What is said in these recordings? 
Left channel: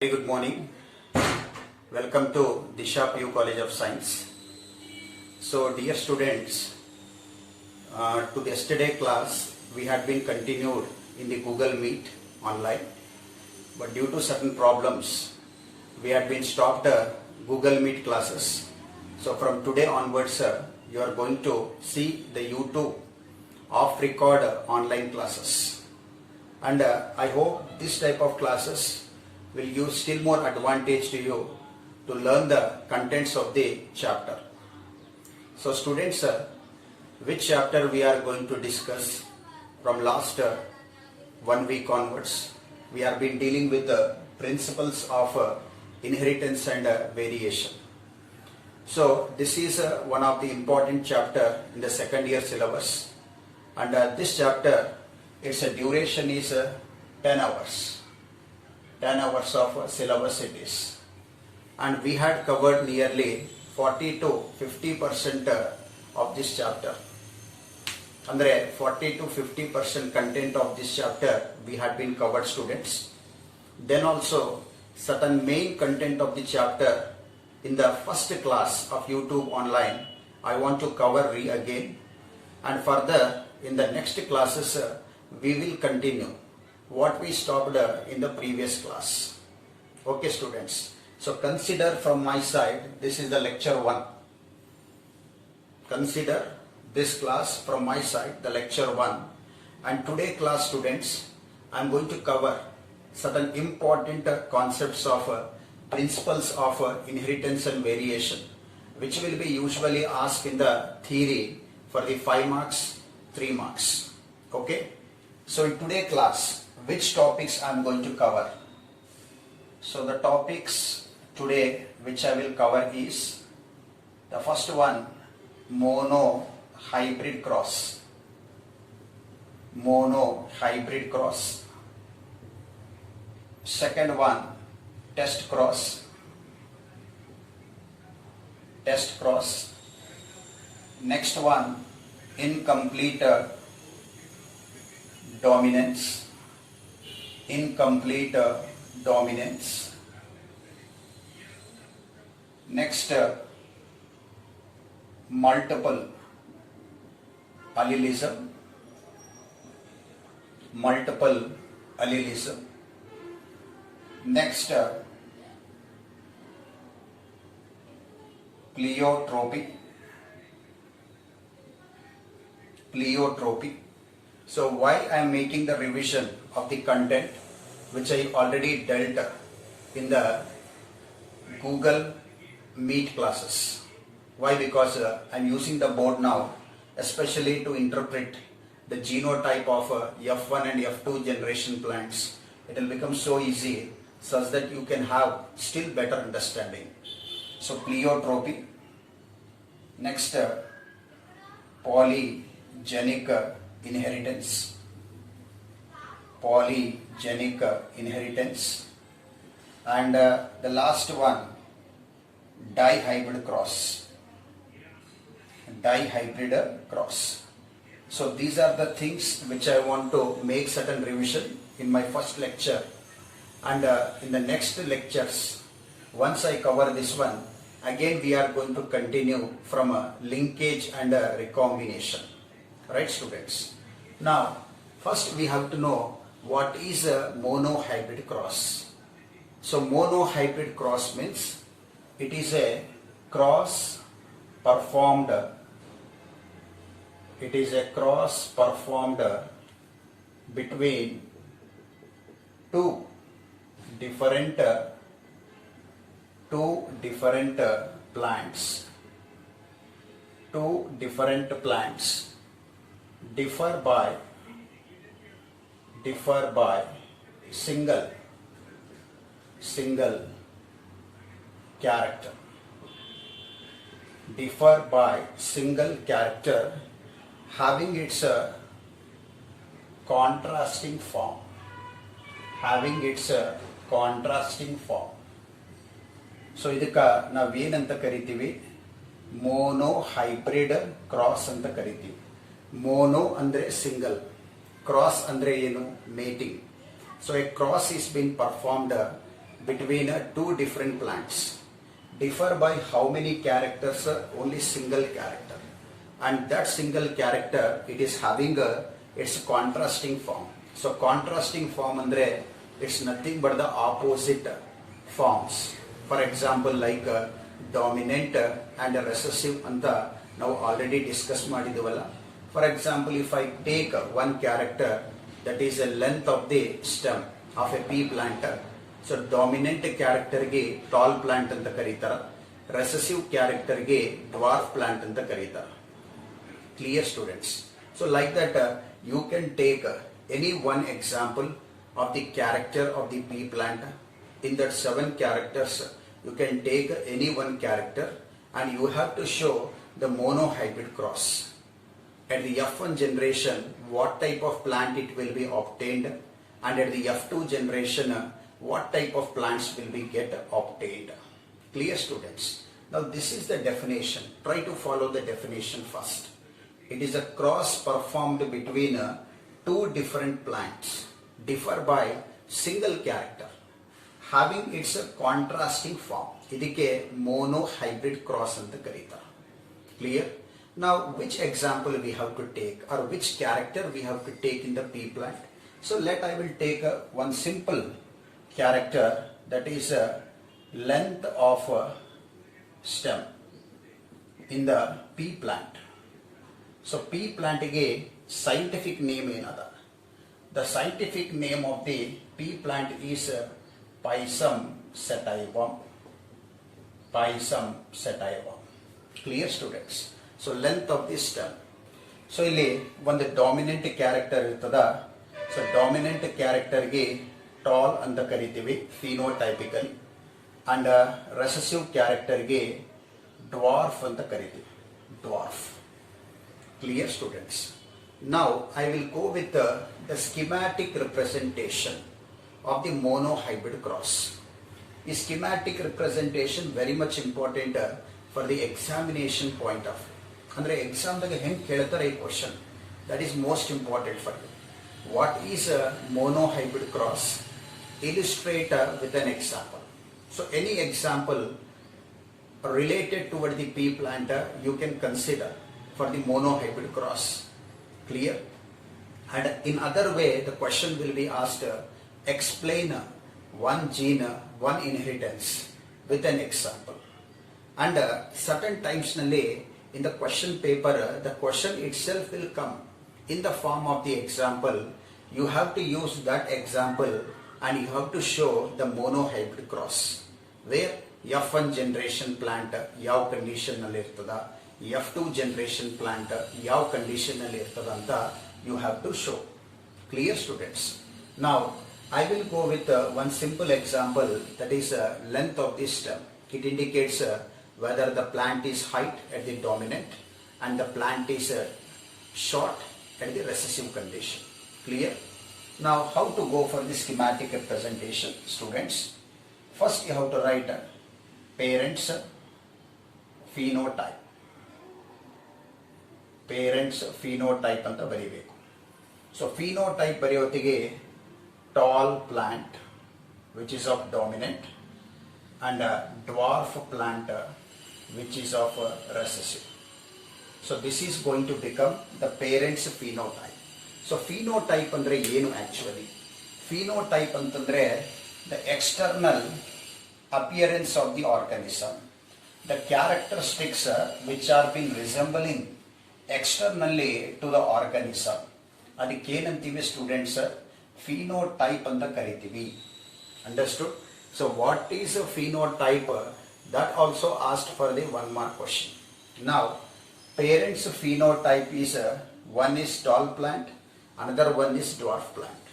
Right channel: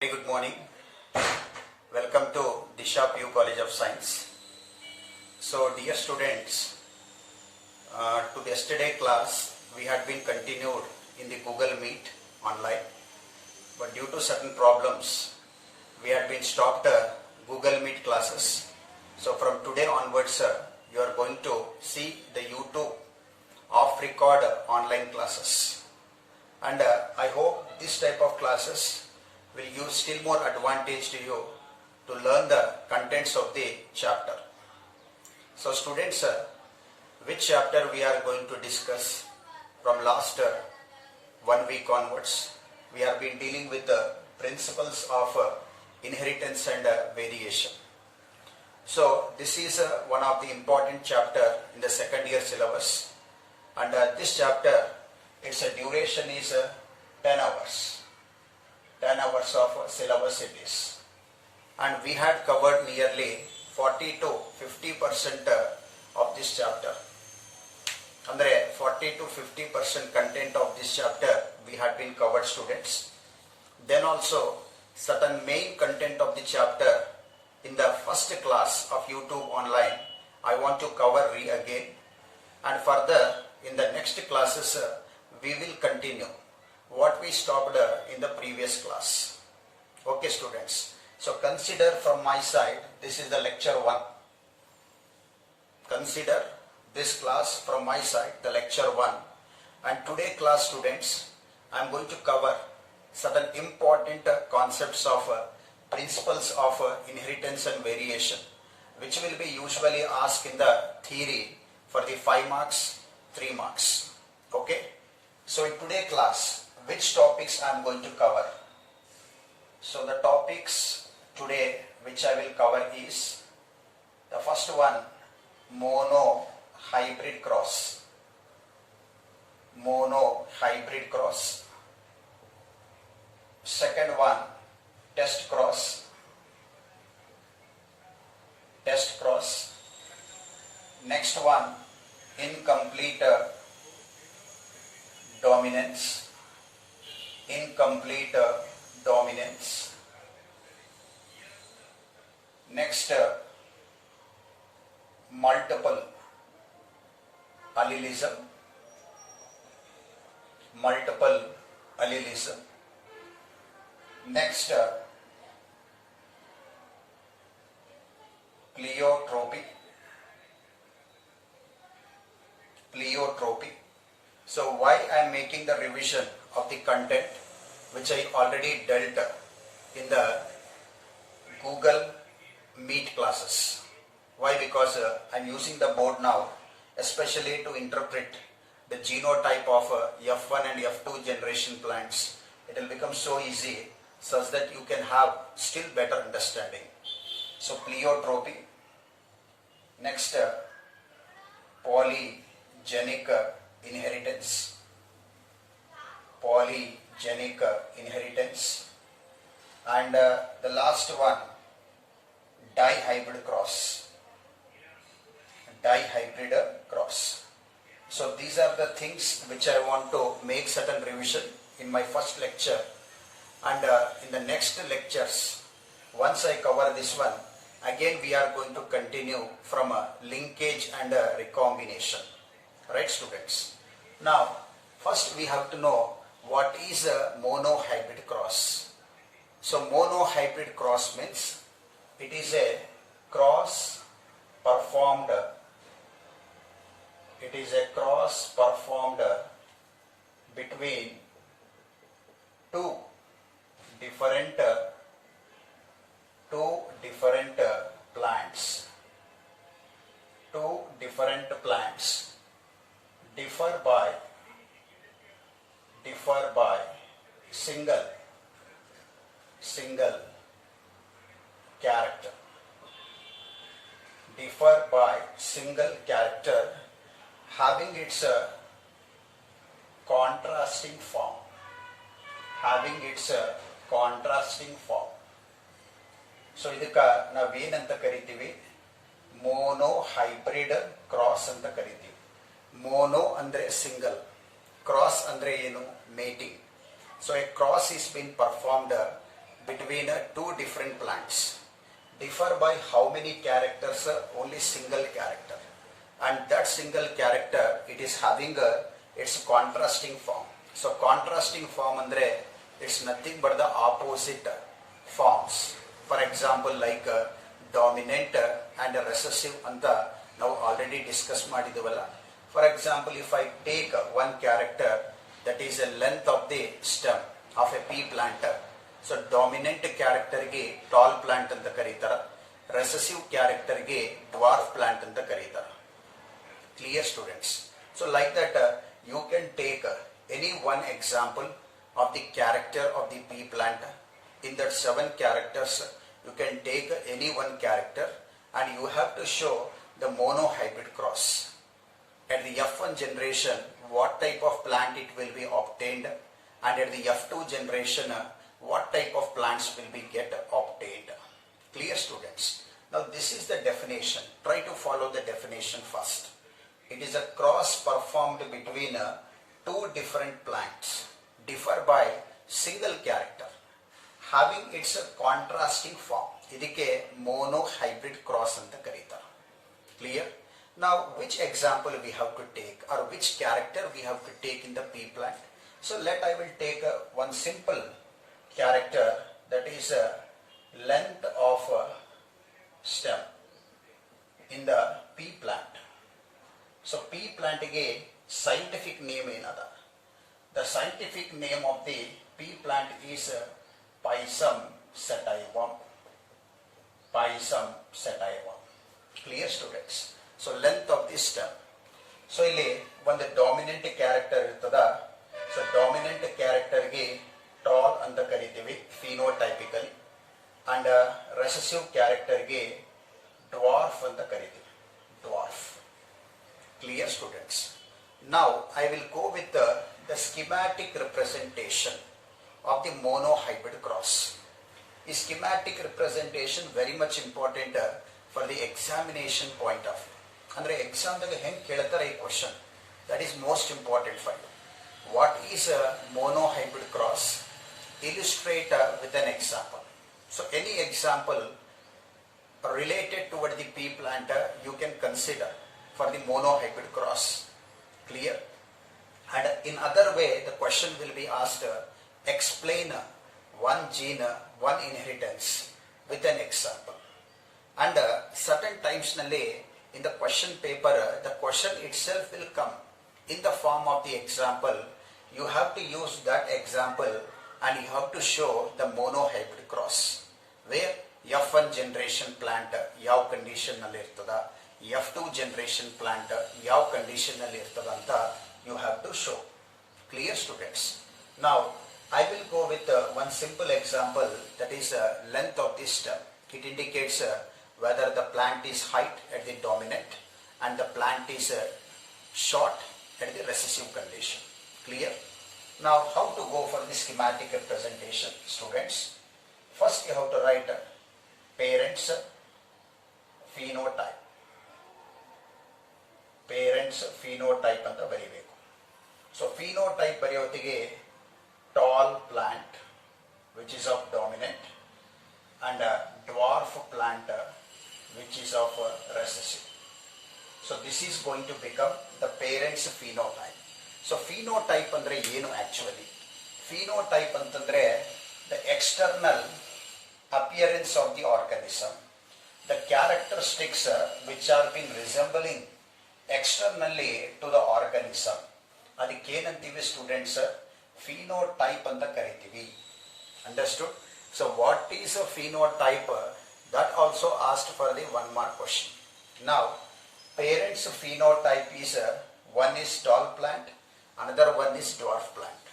Very good morning. Welcome to Disha PU College of Science. So, dear students, to the yesterday class we had been continued in the Google Meet online, but due to certain problems we had been stopped Google Meet classes. So, from today onwards, you are going to see the YouTube off record online classes, and I hope this type of classes will give still more advantage to you to learn the contents of the chapter. So students, which chapter we are going to discuss from last 1 week onwards? We have been dealing with the principles of inheritance and variation. So this is one of the important chapter in the second year syllabus, and this chapter, its duration is 10 hours. 10 hours of syllabus it is, and we had covered nearly 40 to 50% of this chapter. Andre 40 to 50% content of this chapter we had been covered, students. Then also certain main content of the chapter in the first class of YouTube online I want to cover again, and further in the next classes we will continue what we stopped in the previous class. Okay students, so consider from my side, this is the lecture 1. Consider this class from my side, the lecture 1, and today class students, I am going to cover certain important concepts of principles of inheritance and variation, which will be usually asked in the theory for the 5 marks, 3 marks. Okay, so in today class, which topics I am going to cover? So the topics today which I will cover is, the first one, mono hybrid cross. Mono hybrid cross. Second one, test cross. Test cross. Next one, incomplete dominance. Incomplete dominance. Next, multiple allelism. Multiple allelism. Next, pleiotropy. Pleiotropy. So why I am making the revision of the content which I already dealt in the Google Meet classes? Why? Because I am using the board now especially to interpret the genotype of F1 and F2 generation plants. It will become so easy such that you can have still better understanding. So pleiotropy. Next, polygenic inheritance. Polygenic inheritance. And the last one, dihybrid cross. Dihybrid cross. So these are the things which I want to make certain revision in my first lecture, and in the next lectures, once I cover this one, again we are going to continue from a linkage and a recombination. Right students? Now first we have to know what is a monohybrid cross. So monohybrid cross means it is a cross performed between two different plants. Two different plants differ by single character. Differ by single character having its contrasting form. Having its contrasting form. So ಇದಕ್ಕ ನಾವು ಏನಂತ ಕರಿತೀವಿ? Mono hybrid cross ಅಂತ ಕರಿತೀವಿ. Mono ಅಂದ್ರೆ single, cross ಅಂದ್ರೆ ಏನು? Mating. So a cross is being performed between two different plants differ by how many characters? Only single character, and that single character it is having its contrasting form. So contrasting form andre it's nothing but the opposite forms. For example, like dominant and recessive anta now already discussed ಮಾಡಿದೆವಲ್ಲ. For example, if I take one character that is a length of the stem of a pea plant, so dominant character ಗೆ tall plant ಅಂತ ಕರೀತಾರೆ, recessive character ಗೆ dwarf plant ಅಂತ ಕರೀತಾರೆ. Clear students? So like that you can take any one example of the character of the pea plant. In that 7 characters you can take any one character and you have to show the monohybrid cross. At the F1 generation, what type of plant it will be obtained, and at the F2 generation, what type of plants will be get obtained. Clear students? Now this is the definition. Try to follow the definition first. It is a cross performed between two different plants, differ by single character, having its contrasting form. ಇದಕ್ಕೆ monohybrid cross ಅಂತ ಕರೀತಾರೆ. Clear? Now which example we have to take, or which character we have to take in the pea plant? So I will take one simple character, that is length of stem in the pea plant. So pea plant ಗೆ scientific name ಏನದ? The scientific name of the pea plant is Pisum sativum. Pisum sativum. Clear students? So length of the stem. So ಇಲ್ಲಿ ಒಂದು dominant character ಇರ್ತದ. So dominant character ಗೆ tall ಅಂತ ಕರಿತೀವಿ phenotypically, and recessive character ಗೆ dwarf ಅಂತ ಕರಿತೀವಿ, dwarf. Clear students? Now I will go with the schematic representation of the monohybrid cross. The schematic representation very much important for the examination point of view. Andre exam daga heng keltare ee question, that is most important for you. What is a monohybrid cross? Illustrate with an example. So any example related toward the pea plant you can consider for the monohybrid cross. Clear? And in other way the question will be asked, explain one gene, one inheritance with an example. And certain times nalli in the question paper the question itself will come in the form of the example. You have to use that example and you have to show the monohybrid cross, where F1 generation plant yav condition nalli irtada, F2 generation plant yav condition nalli irtada anta you have to show. Clear students? Now I will go with one simple example, that is length of this stem. It indicates whether the plant is height at the dominant and the plant is short at the recessive condition. Clear? Now how to go for the schematic representation, students? First you have to write parents phenotype. Parents phenotype anta ಬರಿಬೇಕು. So phenotype ಬರೆಯೋತಿಗೆ tall plant which is of dominant and dwarf plant which is of recessive. So this is going to become the parents phenotype. So phenotype andre ಏನು actually? Phenotype ಅಂತಂದ್ರೆ the external appearance of the organism, the characteristics which are been resembling externally to the organism. ಅದಕ್ಕೆ ಏನಂತೀವಿ students? phenotype ಅಂತ ಕರಿತೀವಿ. Understood? So what is a phenotype? That also asked for the 1 mark question. Now parents phenotype is one is tall plant, another one is dwarf plant.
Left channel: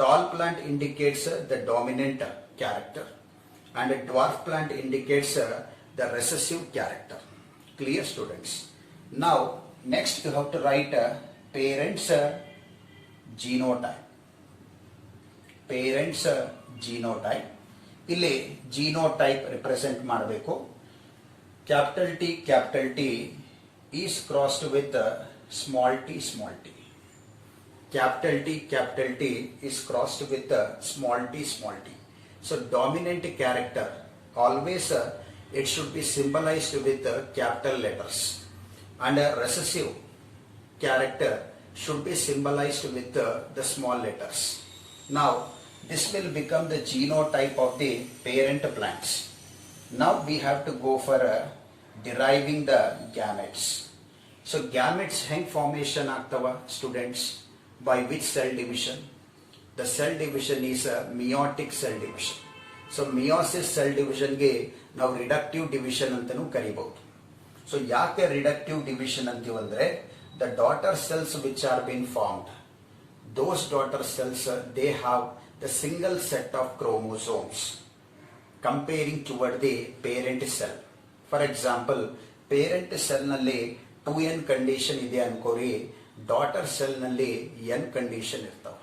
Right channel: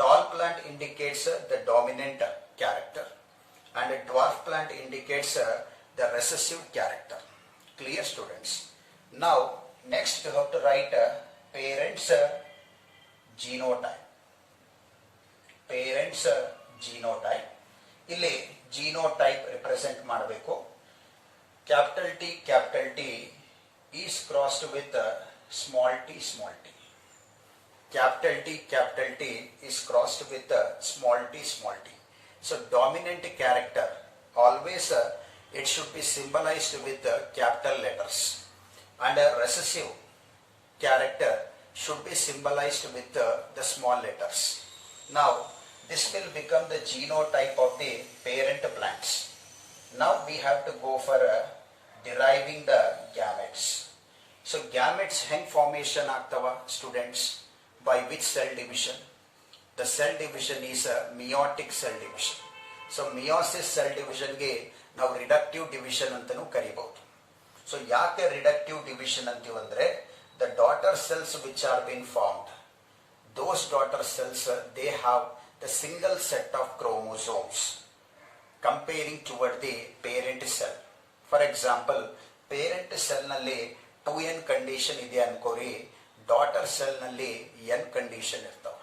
Tall plant indicates the dominant character and a dwarf plant indicates the recessive character. Clear students? Now next you have to write parents genotype. Parents genotype. ಇಲ್ಲಿ genotype represent ಮಾಡಬೇಕು. Capital T is crossed with small t. Capital T is crossed with small t. So dominant character always it should be symbolized with capital letters, and a recessive character should be symbolized with the small letters. Now this will become the genotype of the parent plants. Now we have to go for deriving the gametes. So gametes hang formation ಆಗ್ತವ students by which cell division? The cell division is a meiotic cell division. So meiosis cell division ಗೆ ನಾವು reductive division ಅಂತಾನೂ ಕರಿಬಹುದು. So ಯಾಕೆ reductive division ಅಂತೀವಂದ್ರೆ the daughter cells which are being formed, those daughter cells they have the single set of chromosomes comparing toward the parent cell. For example, parent cell ನಲ್ಲಿ 2n condition ಇದೆ ಅನ್ಕೋರಿ, daughter cell ನಲ್ಲಿ n condition ಇರ್ತಾವ.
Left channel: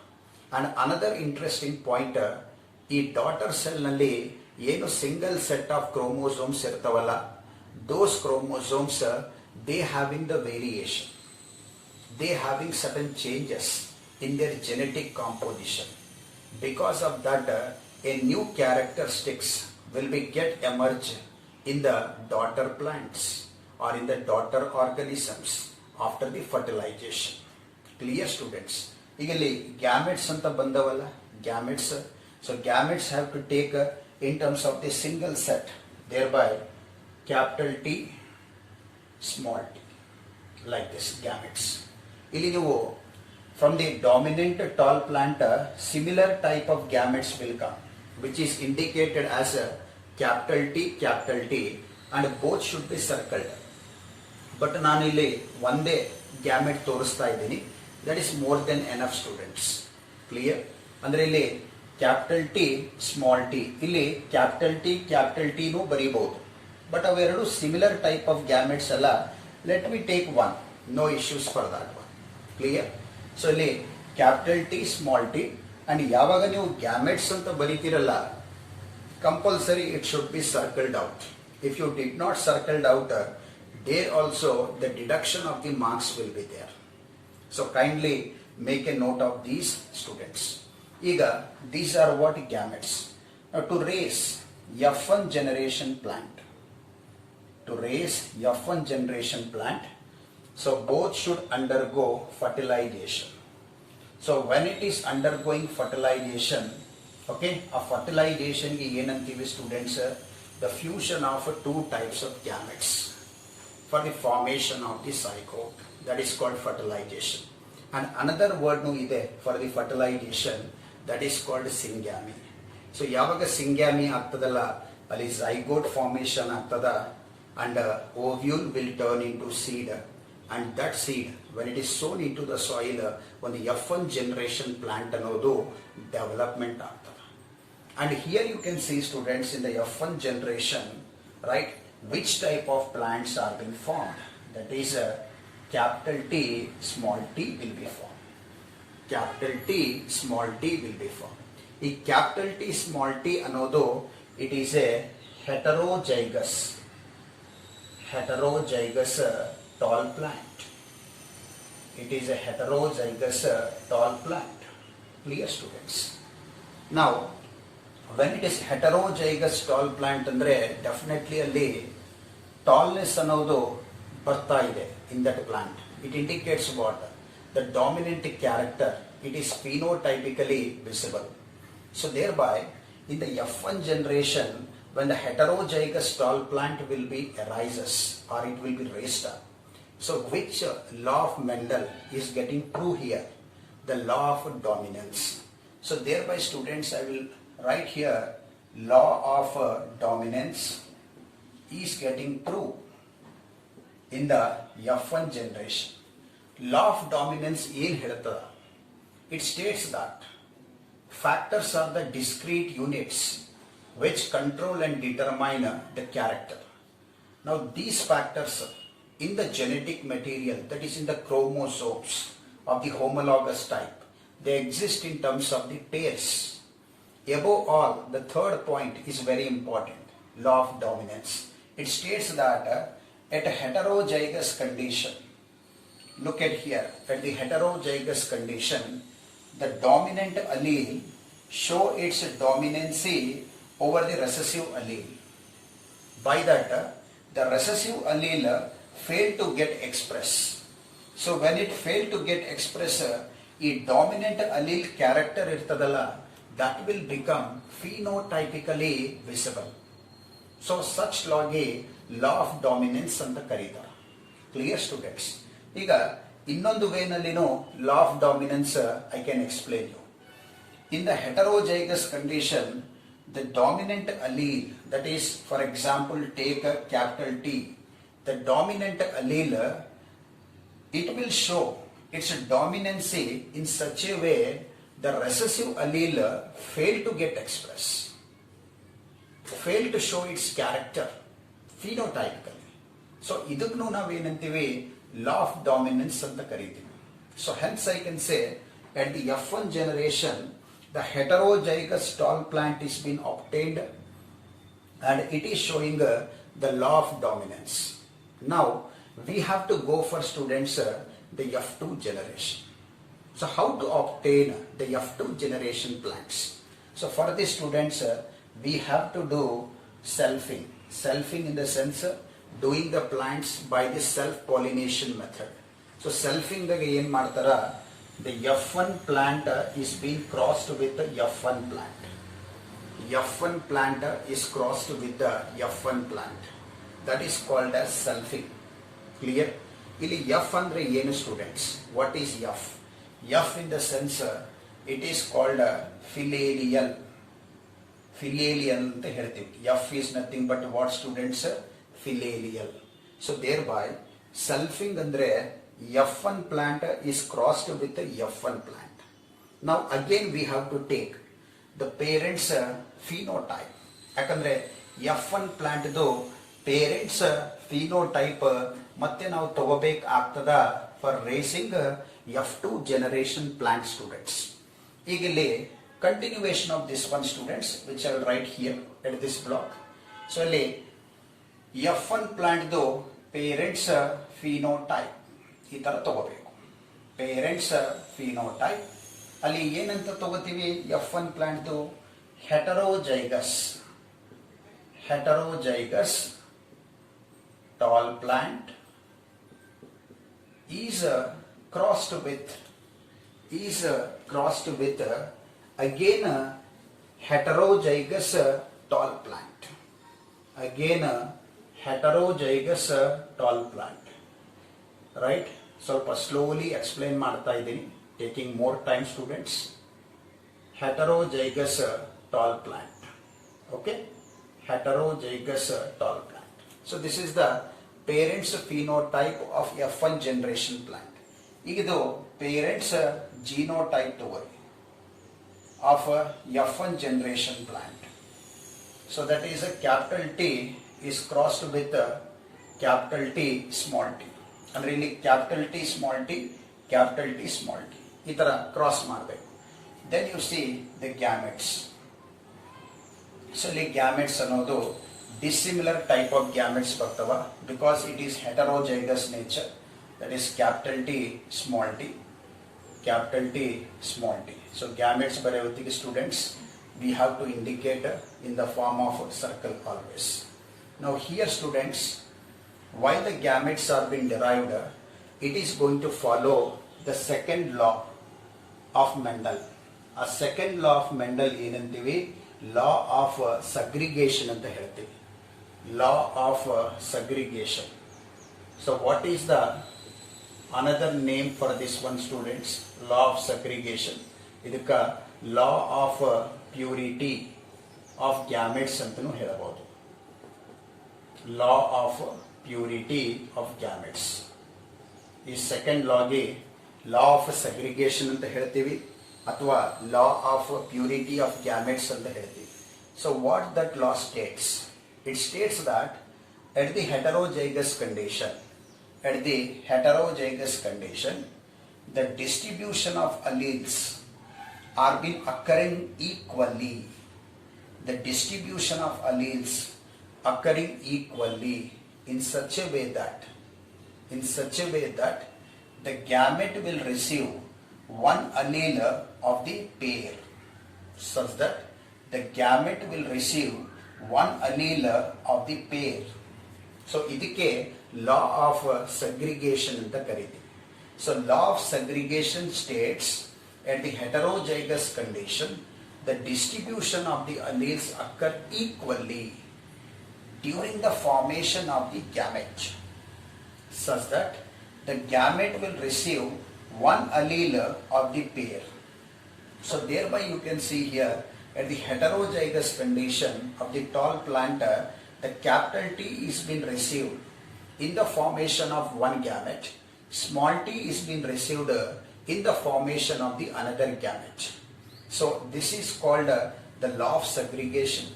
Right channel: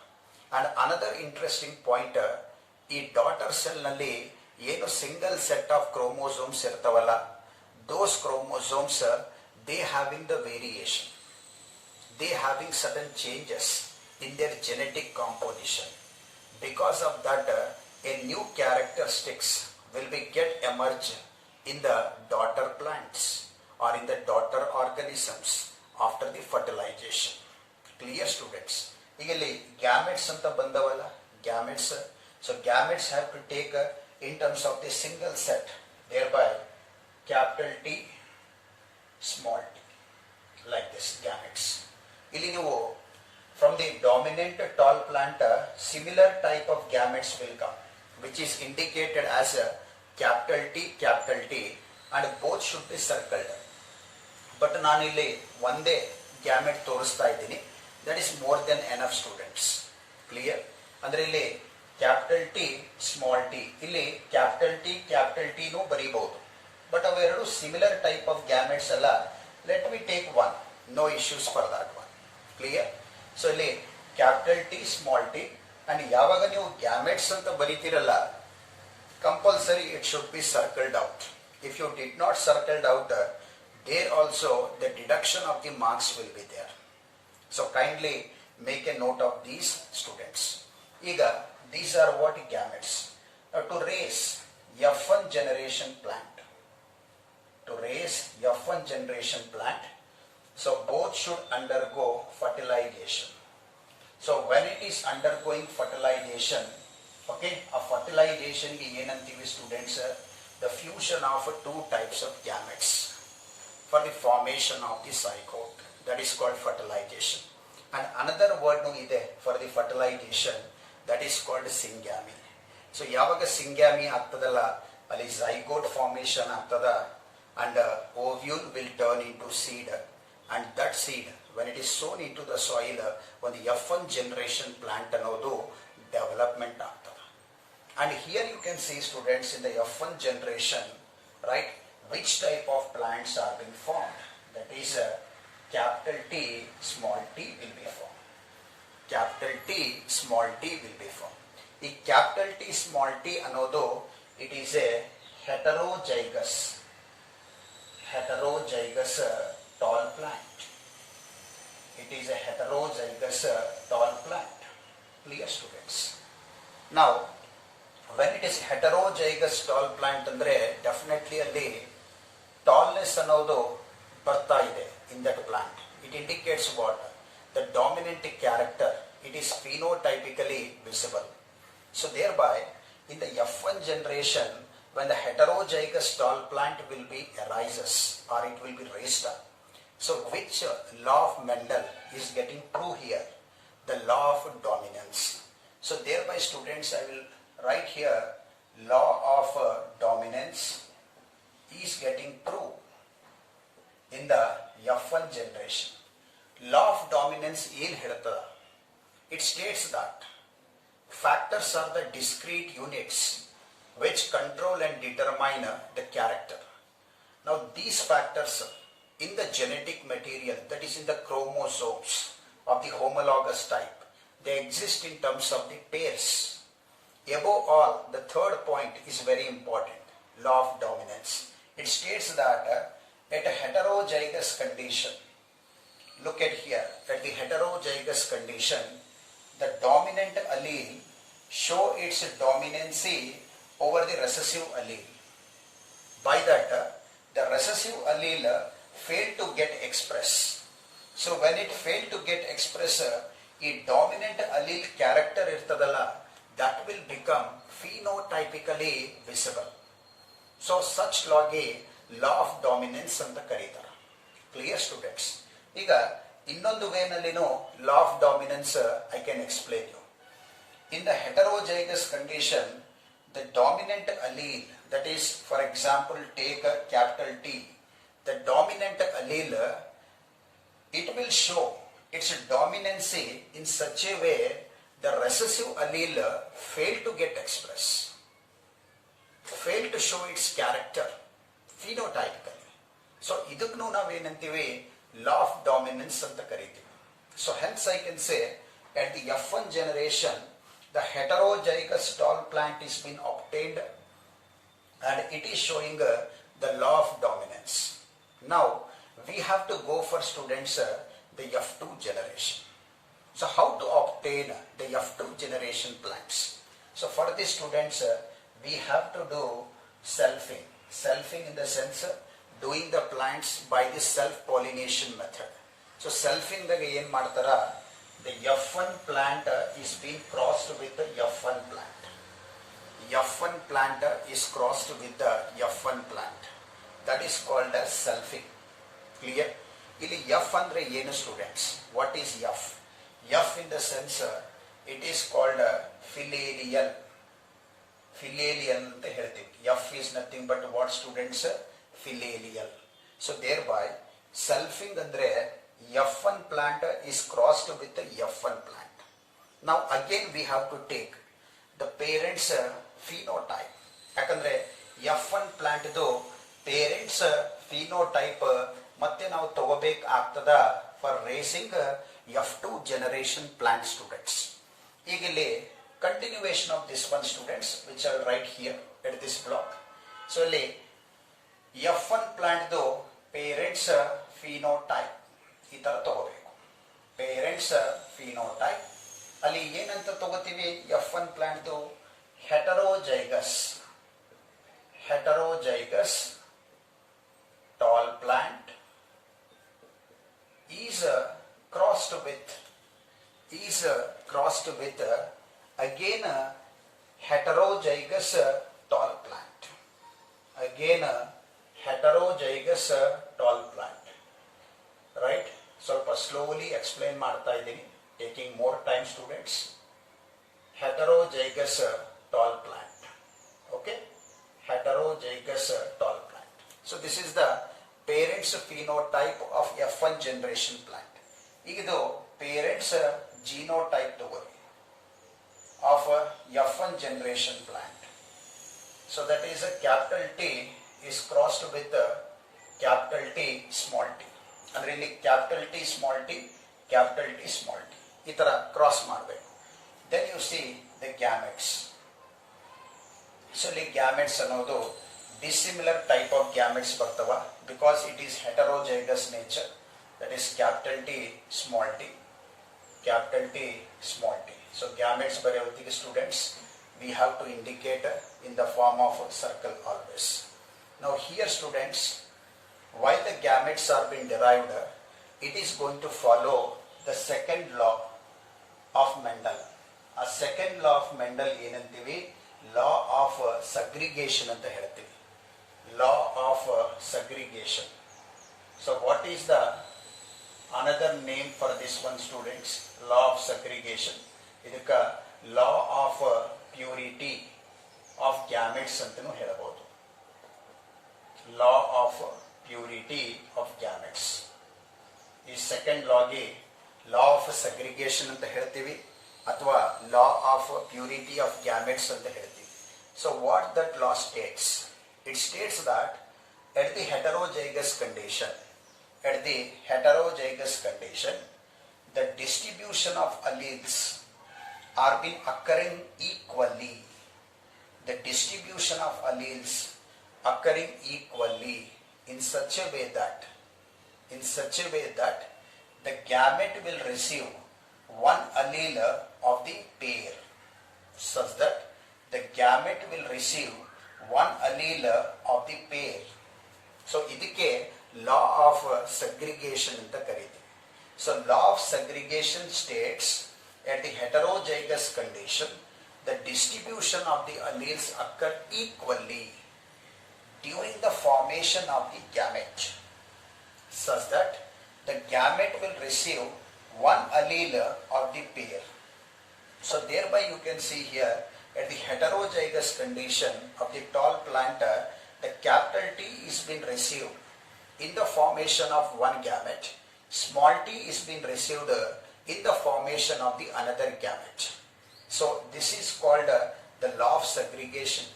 And another interesting point, ಈ daughter cell ನಲ್ಲಿ ಏನು single set of chromosomes ಇರ್ತಾವಲ್ಲ, those chromosomes they having the variation, they having certain changes in their genetic composition. Because of that, a new characteristics will be get emerge in the daughter plants or in the daughter organisms after the fertilization. Clear students? ಈಗ ಇಲ್ಲಿ gametes ಅಂತ ಬಂದವಲ್ಲ, gametes. So gametes have to take in terms of the single set, thereby capital T, small t, like this gametes. ಇಲ್ಲಿ ನೀವು from the dominant tall plant, similar type of gametes will come, which is indicated as a capital T, and both should be circled. But ನಾನಿಲ್ಲಿ ಒಂದೇ gamete ತೋರಿಸ್ತಾ ಇದ್ದೀನಿ, that is more than enough students. Clear? ಅಂದ್ರೆ ಇಲ್ಲಿ capital T, small t, ಇಲ್ಲಿ capital T ನೂ ಬರೀಬಹುದು. But ಅವೆರಡು similar type of gametes ಅಲ್ಲ. Let me take one, no issues for that one. Clear? So ಇಲ್ಲಿ capital T, small t, and ಯಾವಾಗ ನೀವು gametes ಅಂತ ಬರೀತಿರಲ್ಲ, compulsory it should be circled out. If you did not circled out, there also the deduction of the marks will be there. So kindly make a note of these students. Iga, these are what gametes. Now to raise F1 generation plant, so both should undergo fertilization. So when it is undergoing fertilization, okay, a fertilization is ಏನಂತೀವಿ students, the fusion of two types of gametes for the formation of the zygote, that is called fertilization. And another word nu ide for the fertilization, that is called syngamy. So ಯಾವಾಗ syngamy ಆಗ್ತದಲ್ಲ, ಅಲ್ಲಿ zygote formation ಆಗ್ತದ, and ovule will turn into seed, and that seed when it is sown into the soil, ಒಂದು F1 generation plant ಅನ್ನೋದು development ಆಗ್ತದ. And here you can see students, in the F1 generation, right, which type of plants are being formed. That is capital T, small t will be formed. Capital T, small t will be formed. ಈ capital T, small t ಅನ್ನೋದು it is a heterozygous tall plant. It is a heterozygous tall plant. Clear students? Now when it is heterozygous tall plant ಅಂದ್ರೆ definitely ಅಲ್ಲಿ tallness ಅನ್ನೋದು ಬರ್ತಾ ಇದೆ in that plant. It indicates what? The dominant character, it is phenotypically visible. So thereby in the F1 generation, when the heterozygous tall plant will be arises or it will be raised up, so which law of Mendel is getting true here? The law of dominance. So thereby students, I will write here law of dominance is getting true in the F1 generation. Law of dominance ಏನು ಹೇಳ್ತದ? It states that factors are the discrete units which control and determine the character. Now these factors in the genetic material, that is in the chromosomes of the homologous type, they exist in terms of the pairs. Above all, the third point is very important, law of dominance. It states that at a heterozygous condition, look at here, at the heterozygous condition, the dominant allele show its dominancy over the recessive allele. By that, the recessive allele failed to get expressed. So when it failed to get expressed, the dominant allele character irtadalla, that will become phenotypically visible. So such law ಗೆ law of dominance ಅಂತ ಕರೀತಾರೆ. Clear students? ಈಗ ಇನ್ನೊಂದು ವೇನಲ್ಲಿನೂ law of dominance I can explain you. In the heterozygous condition, the dominant allele, that is, for example, take a capital T, the dominant allele, it will show its dominancy in such a way the recessive allele fail to get expressed, fail to show its character phenotypically. So idukku navenantive law of dominance anta kariತೀವಿ. So hence I can say at the F1 generation the heterozygous tall plant is been obtained and it is showing the law of dominance. Now we have to go for students the F2 generation. So how to obtain the F2 generation plants? So for the students we have to do selfing. Selfing in the sense doing the plants by the self-pollination method. So selfing daga ಏನು ಮಾಡ್ತಾರ, the F1 plant is being crossed with the F1 plant. F1 plant is crossed with the F1 plant. That is called as selfing. Clear? ಇಲ್ಲಿ F ಅಂದ್ರೆ ಏನು students? What is F? F in the sense it is called filial. Filial ಅಂತ ಹೇಳ್ತೀವಿ. F is nothing but what students? Filial. So thereby selfing ಅಂದ್ರೆ F1 plant is crossed with the F1 plant. Now again we have to take the parents phenotype. ಯಾಕಂದ್ರೆ F1 plant ಇದು parents phenotype ಮತ್ತೆ ನಾವು ತಗೋಬೇಕಾಗ್ತದ for raising F2 generation plant students. ಈಗ ಇಲ್ಲಿ continuation of this one students which I will write here at this block. So ಇಲ್ಲಿ F1 plant ಇದು parents phenotype ಈ ತರ ತಗೋಬೇಕು. Parents phenotype ಅಲ್ಲಿ ಏನಂತ ತಗೋತೀವಿ, F1 plant ಇದು heterozygous tall plant is crossed with again heterozygous tall plant. Again heterozygous tall plant. Right? ಸ್ವಲ್ಪ slowly explain ಮಾಡ್ತಾ ಇದ್ದೀನಿ, taking more time students. Heterozygous tall plant. Okay? Heterozygous tall plant. So this is the parents phenotype of F1 generation plant. ಈಗ ಇದು parents genotype ತಗೋರಿ of F1 generation plant. So that is a capital T is crossed with capital T small t. ಅಂದ್ರೆ ಇಲ್ಲಿ capital T small t, capital T small t ಈ ತರ cross ಮಾಡಬೇಕು. Then you see the gametes. So ಇಲ್ಲಿ gametes ಅನ್ನೋದು dissimilar type of gametes ಬರ್ತವ because it is heterozygous nature. That is capital T small t, capital T small t. So gametes ಬರೆಯುತ್ತಿಗೆ students we have to indicate in the form of circle always. Now here students, while the gametes are being derived, it is going to follow the second law of Mendel. A second law of Mendel ಏನಂತೀವಿ, law of segregation ಅಂತ ಹೇಳ್ತೀವಿ. Law of segregation. So what is the another name for this one students? Law of segregation. ಇದಕ್ಕ law of purity of gametes ಅಂತನೂ ಹೇಳಬಹುದು. Law of purity of gametes. ಈ second ಲಾಗೆ law of segregation ಅಂತ ಹೇಳ್ತೀವಿ ಅಥವಾ law of purity of gametes ಅಂತ ಹೇಳ್ತೀವಿ. So what that law States? It States that at the heterozygous condition, the distribution of alleles are being occurring equally. The distribution of alleles occurring equally in such a way that the gamete will receive one allele of the pair, such that the gamete will receive one allele of the pair. So ಇದಕ್ಕೆ law of segregation ಅಂತ ಕರೀತೀವಿ. So law of segregation states at the heterozygous condition the distribution of the alleles occur equally during the formation of the gamete, such that the gamete will receive one allele of the pair. So thereby you can see here at the heterozygous condition of the tall planter, the capital T is being received in the formation of one gamete, small t is being received in the formation of the another gamete. So this is called the law of segregation,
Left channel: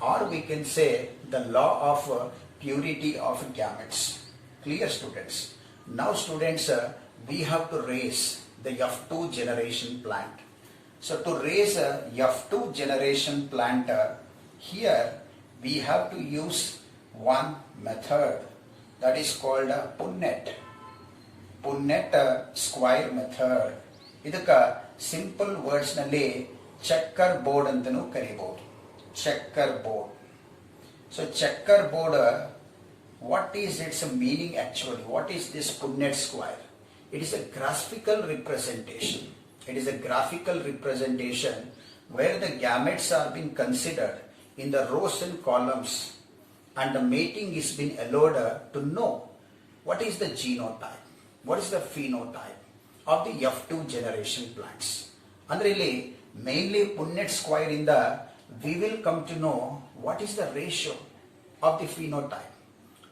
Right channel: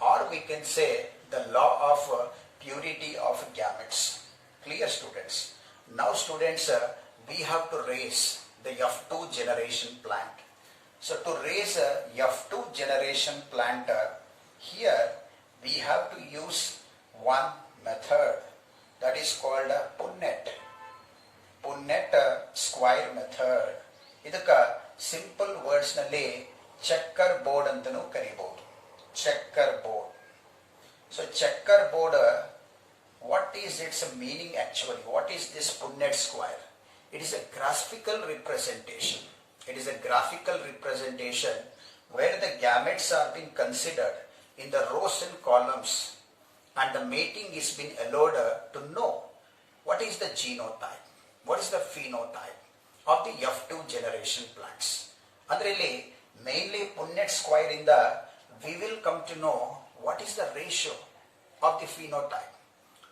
or we can say the law of purity of gametes. Clear, students? Now students, we have to raise the F2 generation plant. So to raise a F2 generation plant, here we have to use one method that is called Punnett square method. ಇದಕ್ಕ simple words ನಲ್ಲಿ checker board ಅಂತಲೂ ಕರೀಬಹುದು. Checker board. So checker board, what is its meaning actually? What is this Punnett square? It is a graphical representation. It is a graphical representation where the gametes are being considered in the rows and columns, and the mating is being allowed to know what is the genotype, what is the phenotype of the F2 generation plants. Andre ಇಲ್ಲಿ mainly Punnett square inda we will come to know what is the ratio of the phenotype,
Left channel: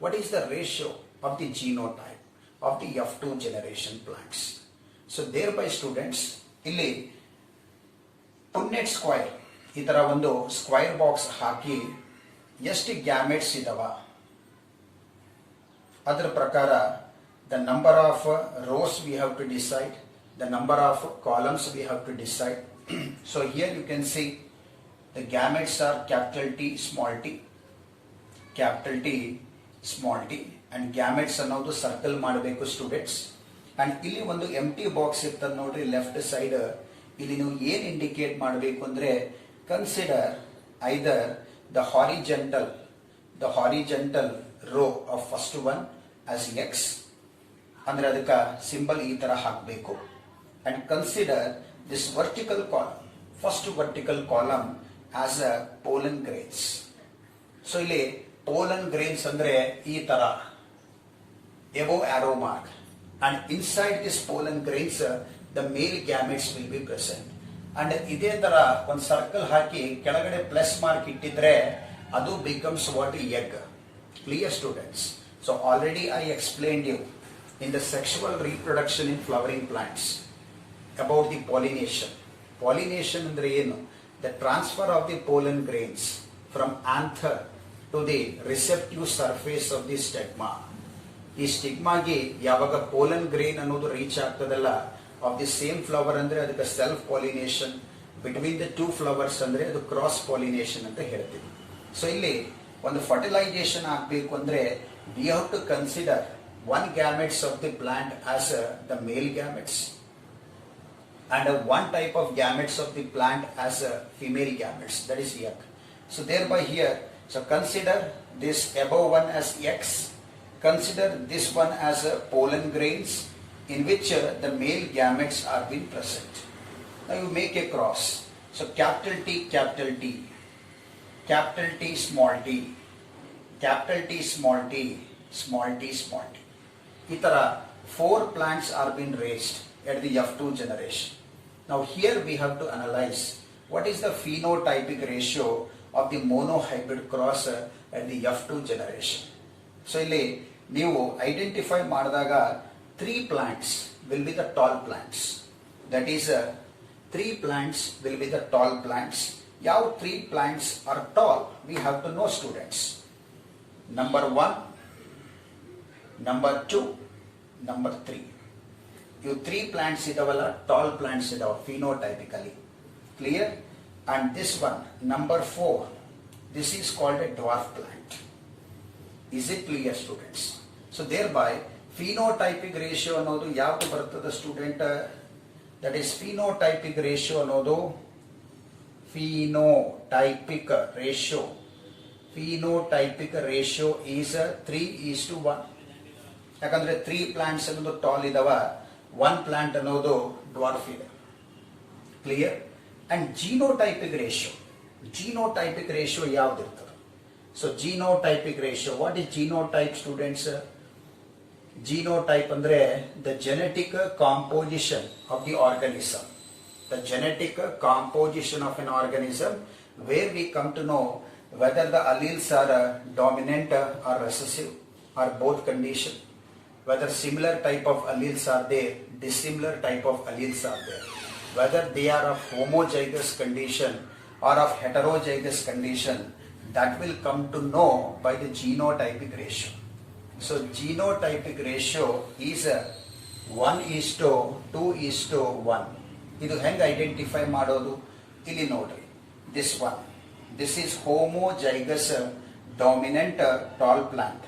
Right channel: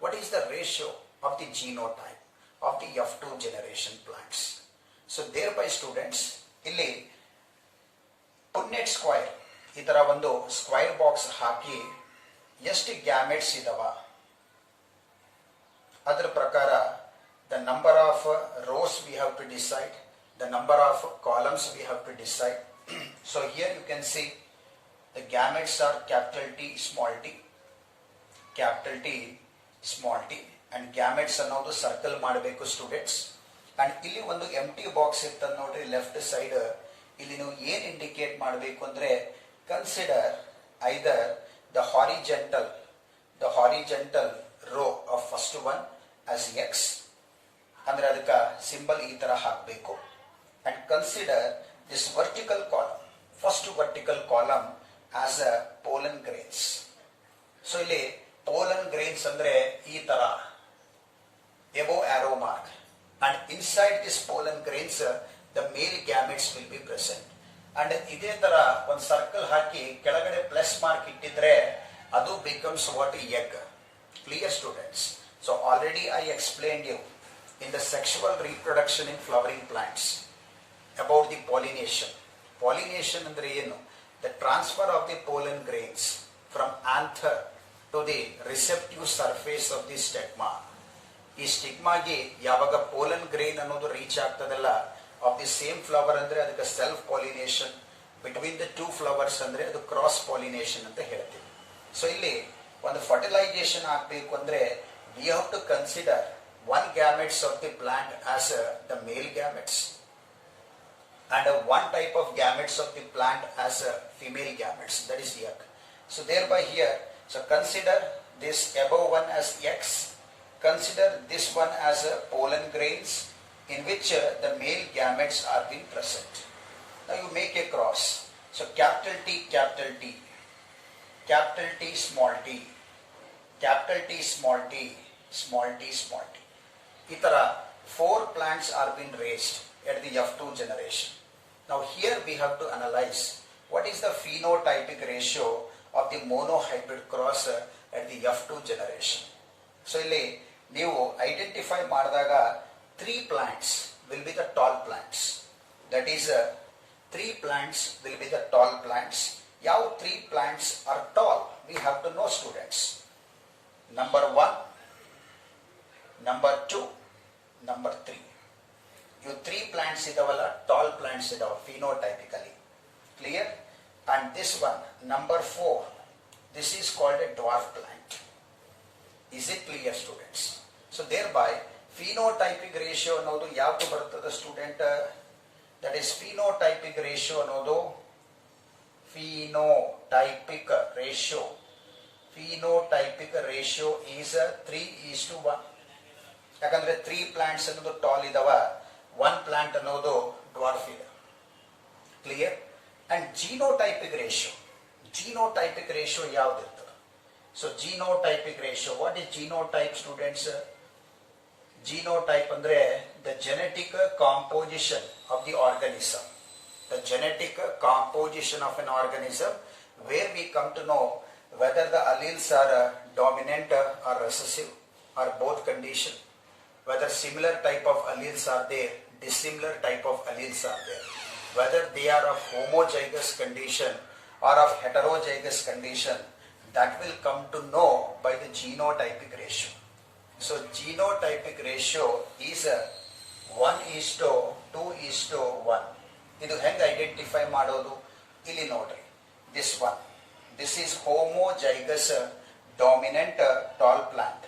what is the ratio of the genotype of the F2 generation plants. So thereby students, ಇಲ್ಲಿ Punnett square ಈ ತರ ಒಂದು square box ಹಾಕಿ ಎಷ್ಟು gametes ಇದಾವ ಅದರ ಪ್ರಕಾರ the number of rows we have to decide, the number of columns we have to decide. So here you can see the gametes are capital T small t, capital T small t, and gametes ಅನ್ನೋದು circle ಮಾಡಬೇಕು students. And ಇಲ್ಲಿ ಒಂದು ಎಂಟಿ box ಇರ್ತದೆ ನೋಡ್ರಿ left side. ಇಲ್ಲಿ ನೀವು ಏನ್ indicate ಮಾಡಬೇಕು ಅಂದ್ರೆ consider either the horizontal row of first one as x, ಅಂದ್ರೆ ಅದಕ್ಕೆ ಸಿಂಬಲ್ ಈ ತರ ಹಾಕಬೇಕು. and consider this vertical column, first vertical column as a pollen grains. so ಇಲ್ಲಿ pollen grains ಅಂದ್ರೆ ಈ ತರ above arrow mark, and inside this pollen grains the male gametes will be present. And ಇದೇ ತರ ಒಂದು ಸರ್ಕಲ್ ಹಾಕಿ ಕೆಳಗಡೆ plus mark ಇಟ್ಟಿದ್ರೆ ಅದು becomes what egg. Clear students? So already I explained you in the sexual reproduction in flowering plants about the pollination. Pollination ಅಂದ್ರೆ ಏನು? The transfer of the pollen grains from anther to the receptive surface of the stigma. ಈ ಸ್ಟಿಗ್ಮಾಗೆ ಯಾವಾಗ pollen grain ಅನ್ನೋದು reach ಆಗ್ತದಲ್ಲ of the same flower ಅಂದ್ರೆ ಅದಕ್ಕೆ self pollination, between the two flowers ಅಂದ್ರೆ ಅದು ಕ್ರಾಸ್ ಪಾಲಿನೇಷನ್ ಅಂತ ಹೇಳ್ತೀವಿ. ಸೊ ಇಲ್ಲಿ ಒಂದು ಫರ್ಟಿಲೈಸೇಷನ್ ಆಗಬೇಕು ಅಂದ್ರೆ we have to consider one gametes of the plant as the male gametes and one type of gametes of the plant as female gametes, that is egg. So thereby here, so consider this above one as X, consider this one as pollen grains in which the male gametes are being present. Now you make a cross. So capital T, capital T, capital T, small t, capital T, small t, small t, small t. Itara 4 plants are being raised at the F2 generation. Now here we have to analyze what is the phenotypic ratio of the monohybrid cross at the F2 generation. So ಇಲ್ಲಿ ನೀವು identify ಮಾಡಿದಾಗ 3 plants will be the tall plants. That is 3 plants will be the tall plants. How 3 plants are tall? We have to know, students. Number 1, number 2, number 3. You 3 plants idavalla, tall plants idava phenotypically. Clear? And this one, number 4, this is called a dwarf plant. Is it clear, students? So thereby phenotypic ratio ಅನ್ನೋದು ಯಾವುದು ಬರ್ತದೆ student? That is phenotypic ratio ಅನ್ನೋದು phenotypic ratio. Phenotypic ratio is 3:1. ಯಾಕಂದ್ರೆ 3 plants ಅನ್ನೋದು tall ಇದಾವ, 1 plant ಅನ್ನೋದು dwarf ಇದೆ. Clear? And genotypic ratio ಯಾವ್ದಿರ್ತದೆ? So genotypic ratio, what is genotype students? Genotype andre the genetic composition of the organism. The genetic composition of an organism, where we come to know whether the alleles are dominant or recessive or both condition, whether similar type of alleles are there, dissimilar type of alleles are there, whether they are of homozygous condition or of heterozygous condition, that will come to know by the genotypic ratio. So genotypic ratio is 1:2:1. ಇದು ಹೆಂಗೆ identify ಮಾಡೋದು? ಇಲ್ಲಿ ನೋಡ್ರಿ, this is homozygous dominant tall plant.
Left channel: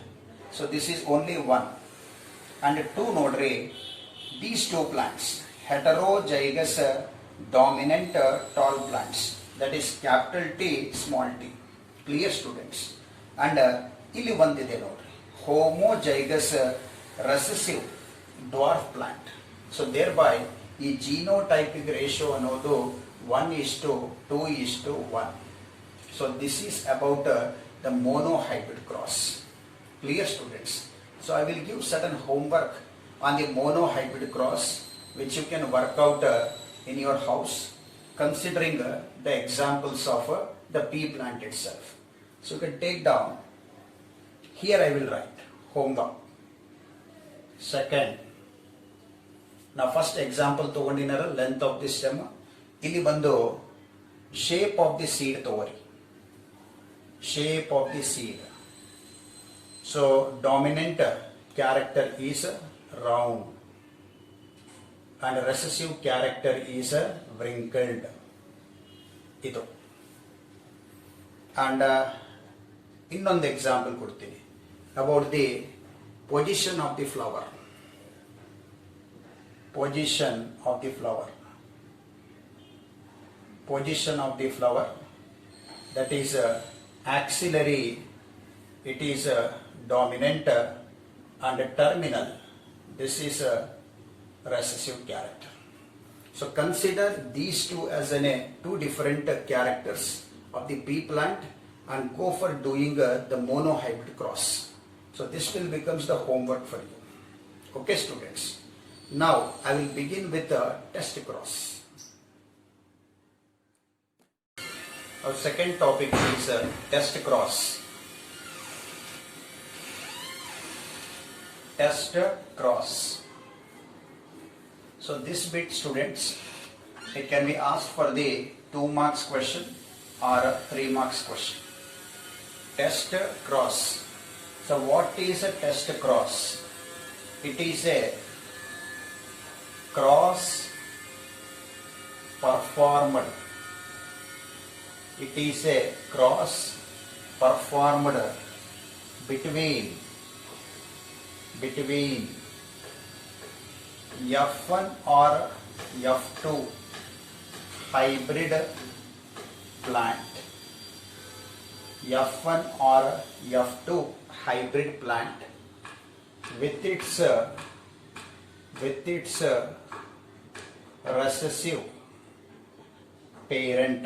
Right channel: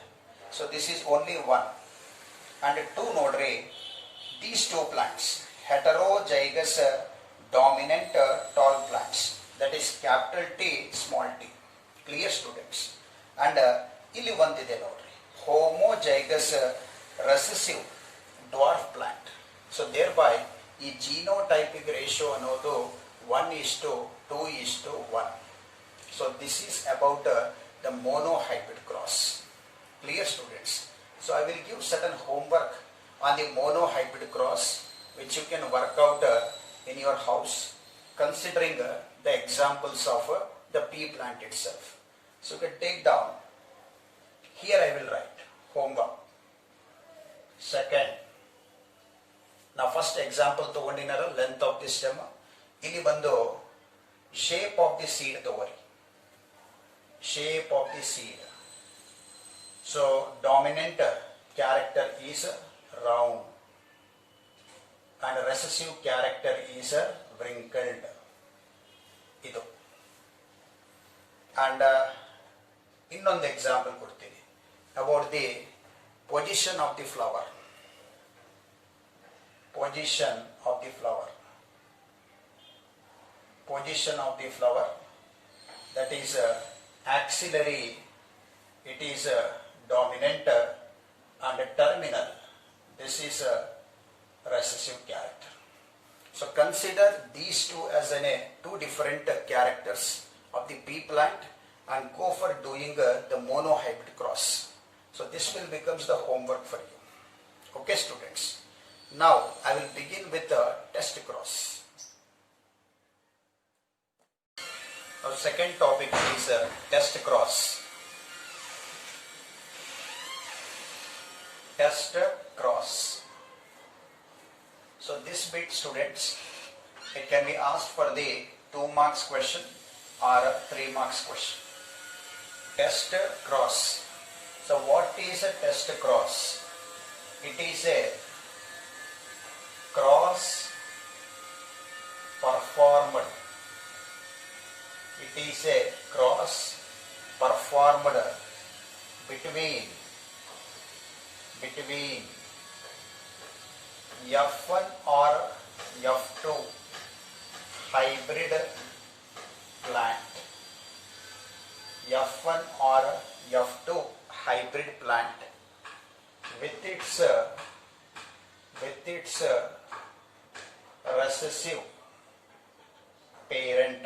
So this is only 1. And 2 ನೋಡ್ರಿ, these 2 plants, heterozygous dominant tall plants, that is capital T small t. Clear students? And ಇಲ್ಲಿ ಒಂದಿದೆ ನೋಡ್ರಿ, homozygous recessive dwarf plant. So thereby ಈ genotypic ratio ಅನ್ನೋದು 1:2:1. So this is about the monohybrid cross. Clear students? So I will give certain homework on the monohybrid cross, which you can work out in your house, considering the examples of the pea plant itself. So you can take down. Here I will write homework. Second, now first example ತಗೊಂಡಿನಲ್ಲ, length of the stem. ಇಲ್ಲಿ ಬಂದು shape of the seed ತಗೋರಿ. Shape of the seed. So dominant character is round and recessive character is wrinkled. ಇದು. And ಇನ್ನೊಂದು example ಕೊಡ್ತೀನಿ about the position of the flower. Position of the flower. Position of the flower, that is axillary, it is dominant, and terminal, this is recessive character. So consider these two as two different characters of the pea plant and go for doing the monohybrid cross. So this will becomes the homework for you. Okay students? Now I will begin with the test cross. Our second topic is test cross. Test cross. So this bit students, it can be asked for the 2 marks question or 3 marks question. Test cross. So what is a test cross? It is a cross performed. It is a cross performed between F1 or F2 hybrid plant. F1 or F2 hybrid plant with its recessive parent.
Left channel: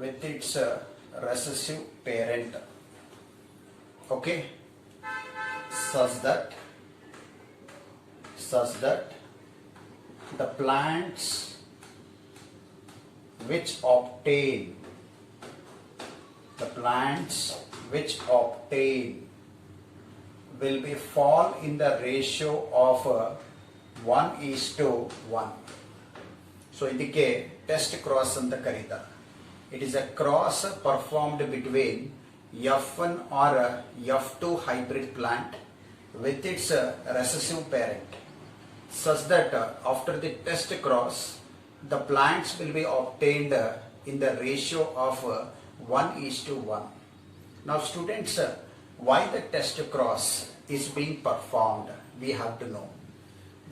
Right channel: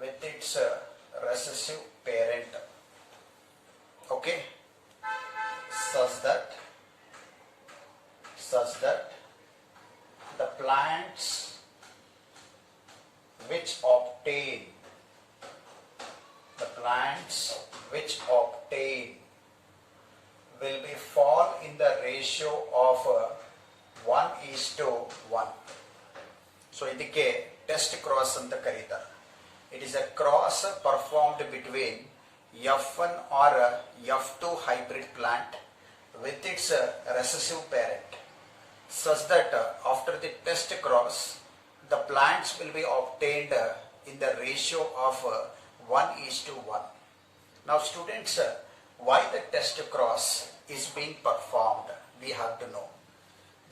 With its recessive parent. Okay? Such that the plants which obtain will be fall in the ratio of 1:1. So ಇದಕ್ಕೆ test cross ಅಂತ ಕರೀತಾರೆ. It is a cross performed between F1 or F2 hybrid plant with its recessive parent, such that after the test cross, the plants will be obtained in the ratio of 1:1. Now students, why the test cross is being performed, we have to know.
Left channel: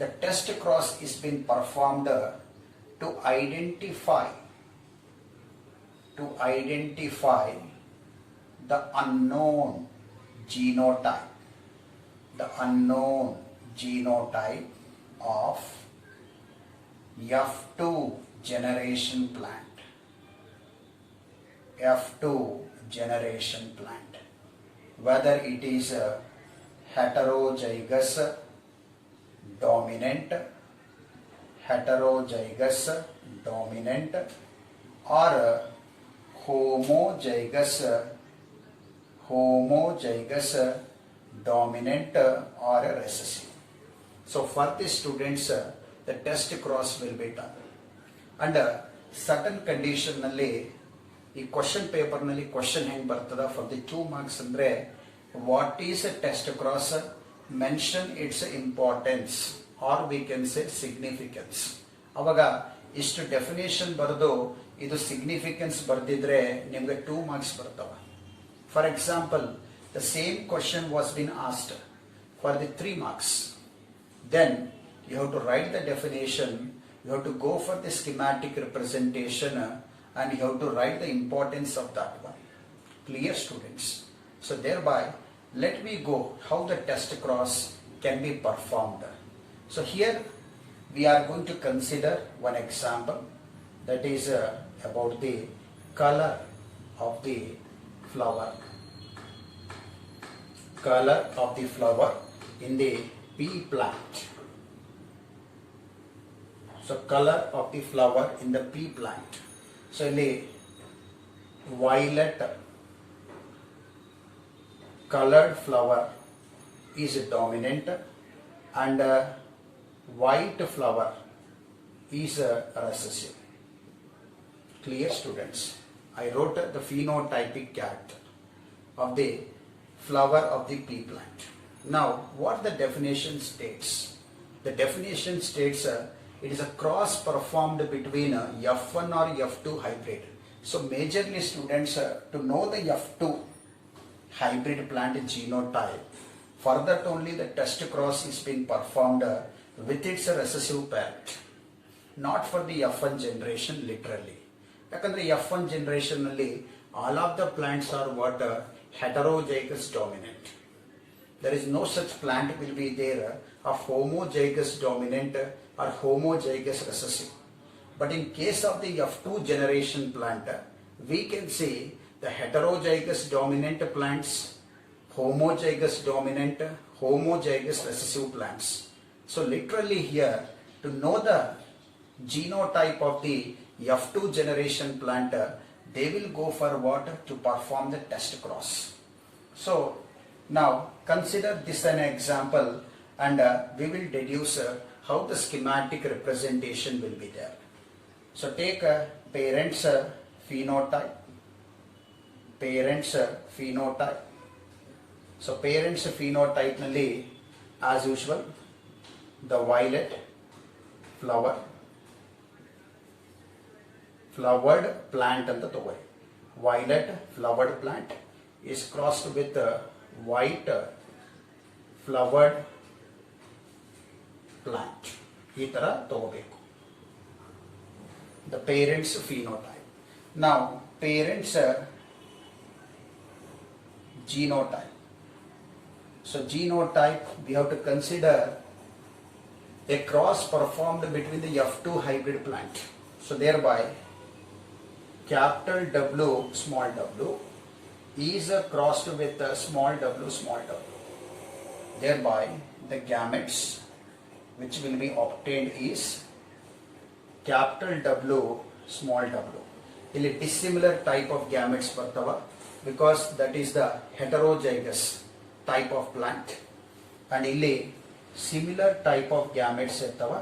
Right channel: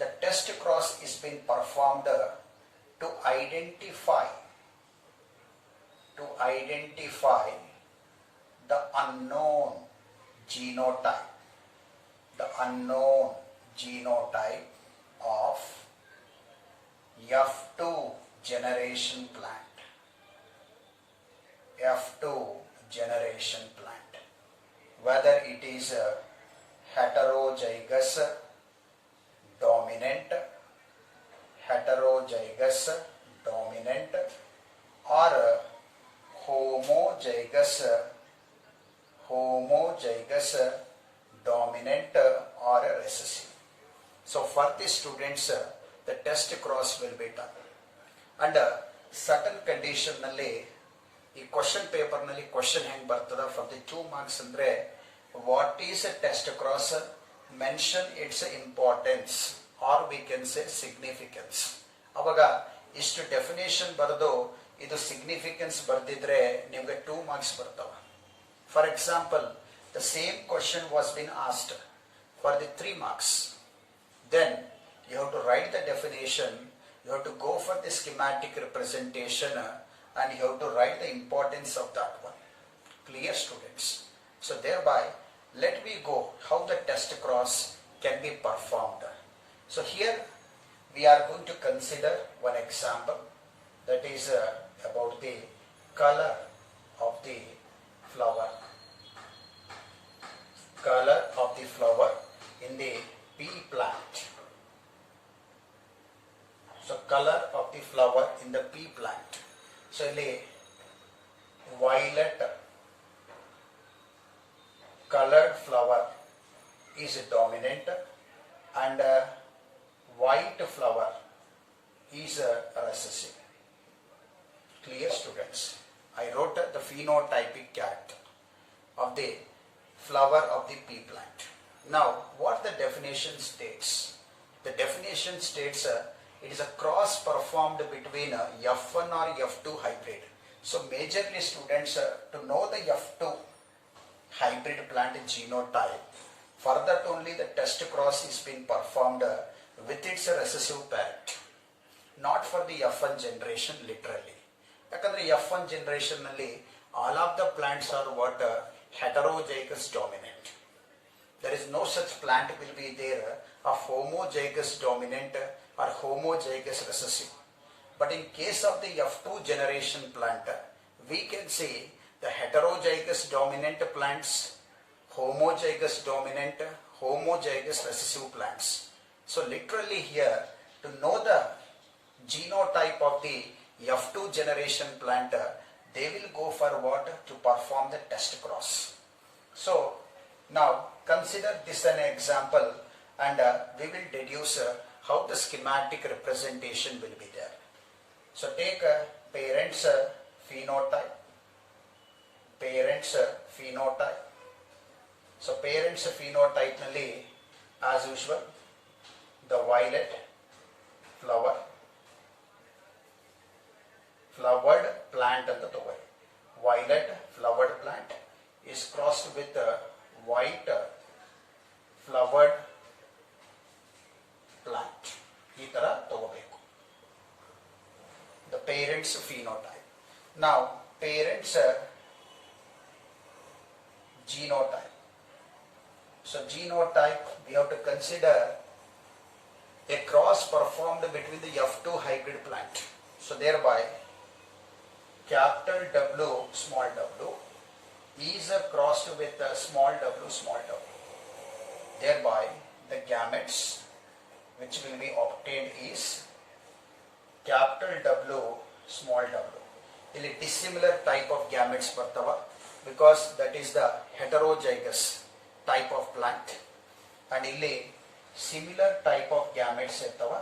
The test cross is being performed to identify to identify the unknown genotype, of F2 generation plant. F2 generation plant, whether it is a heterozygous dominant, or a homozygous dominant or a recessive. So for the students, the test cross will be done. Under certain condition nalli ಈ question paper ನಲ್ಲಿ question ಹೆಂಗ್ ಬರ್ತದ for the 2 marks ಅಂದ್ರೆ what is a test cross, mention its importance or we can say significance. ಅವಾಗ ಇಷ್ಟು definition ಬರೆದು ಇದು significance ಬರ್ದಿದ್ರೆ ನಿಮ್ಗೆ 2 ಮಾರ್ಕ್ಸ್ ಬರ್ತವ. For example, the same question was bin asked for the 3 marks. Then you have to write the definition, you have to go for the schematic representation, and you have to write the importance of that one. Clear, students? So thereby, let me go how the test cross can be performed. So here we are going to consider one example, that is about the color of the flower. Color of the flower in the pea plant. So color of the flower in the pea plant. So ಇಲ್ಲಿ violet colored flower is dominant and white flower is recessive. Clear, students? I wrote the phenotypic chart of the flower of the pea plant. Now, what the definition states? The definition states it is a cross performed between F1 or F2 hybrid. So majorly, students, to know the F2 hybrid plant genotype, for that only the test cross is being performed with its recessive parent, not for the F1 generation literally. Yakandre F1 generation nalli all of the plants are what heterozygous dominant. There is no such plant will be there of homozygous dominant or homozygous recessive. But in case of the F2 generation plant, we can see the heterozygous dominant plants, homozygous dominant, homozygous recessive plants. So literally here, to know the genotype of the F2 generation plant, they will go for what? To perform the test cross. So now consider this an example, and we will deduce how the schematic representation will be there. So take parents phenotype. So parents phenotype nalli, as usual, the violet flowered plant anta togori. Violet flowered plant is crossed with white flowered plant. ಈ ತರ ತಗೋಬೇಕು. The parents phenotype. Now parents genotype. So genotype, we have to consider a cross performed between the F2 hybrid plant. So thereby capital W small w is crossed with small w. Thereby the gametes which will be obtained is capital W small w. ಇಲ್ಲಿ dissimilar type of gametes ಬರ್ತವ, because that is the heterozygous type of plant, and ಇಲ್ಲಿ similar type of gametes ಇರ್ತವ.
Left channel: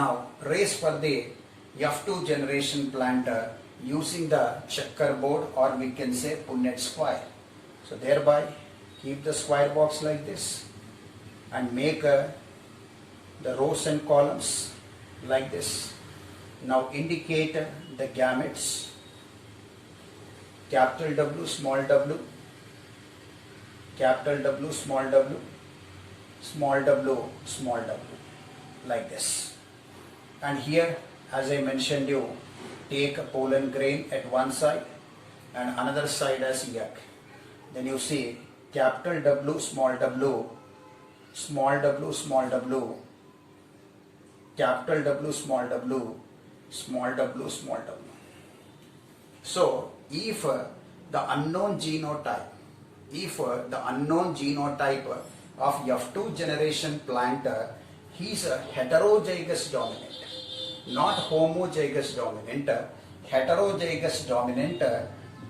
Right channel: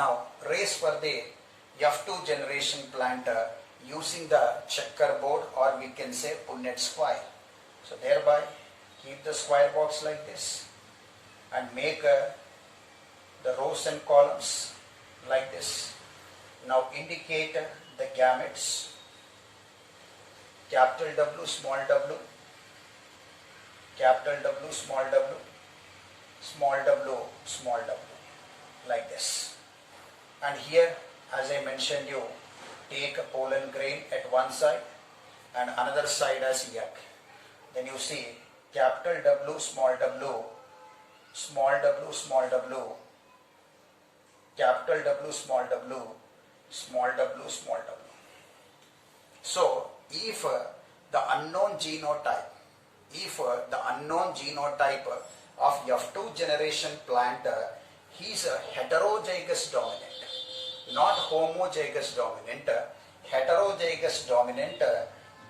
Now raise for the F2 generation plant using the checkerboard, or we can say Punnett square. So thereby keep the square box like this and make the rows and columns like this. Now indicate the gametes, capital W small w, capital W small w, small w, like this. And here, as I mentioned you, take a pollen grain at one side and another side as egg. Then you see capital W, small w, small w, small w, capital W, small w, small w, small w. So if the unknown genotype of F2 generation plant is a heterozygous dominant, not homozygous dominant, heterozygous dominant,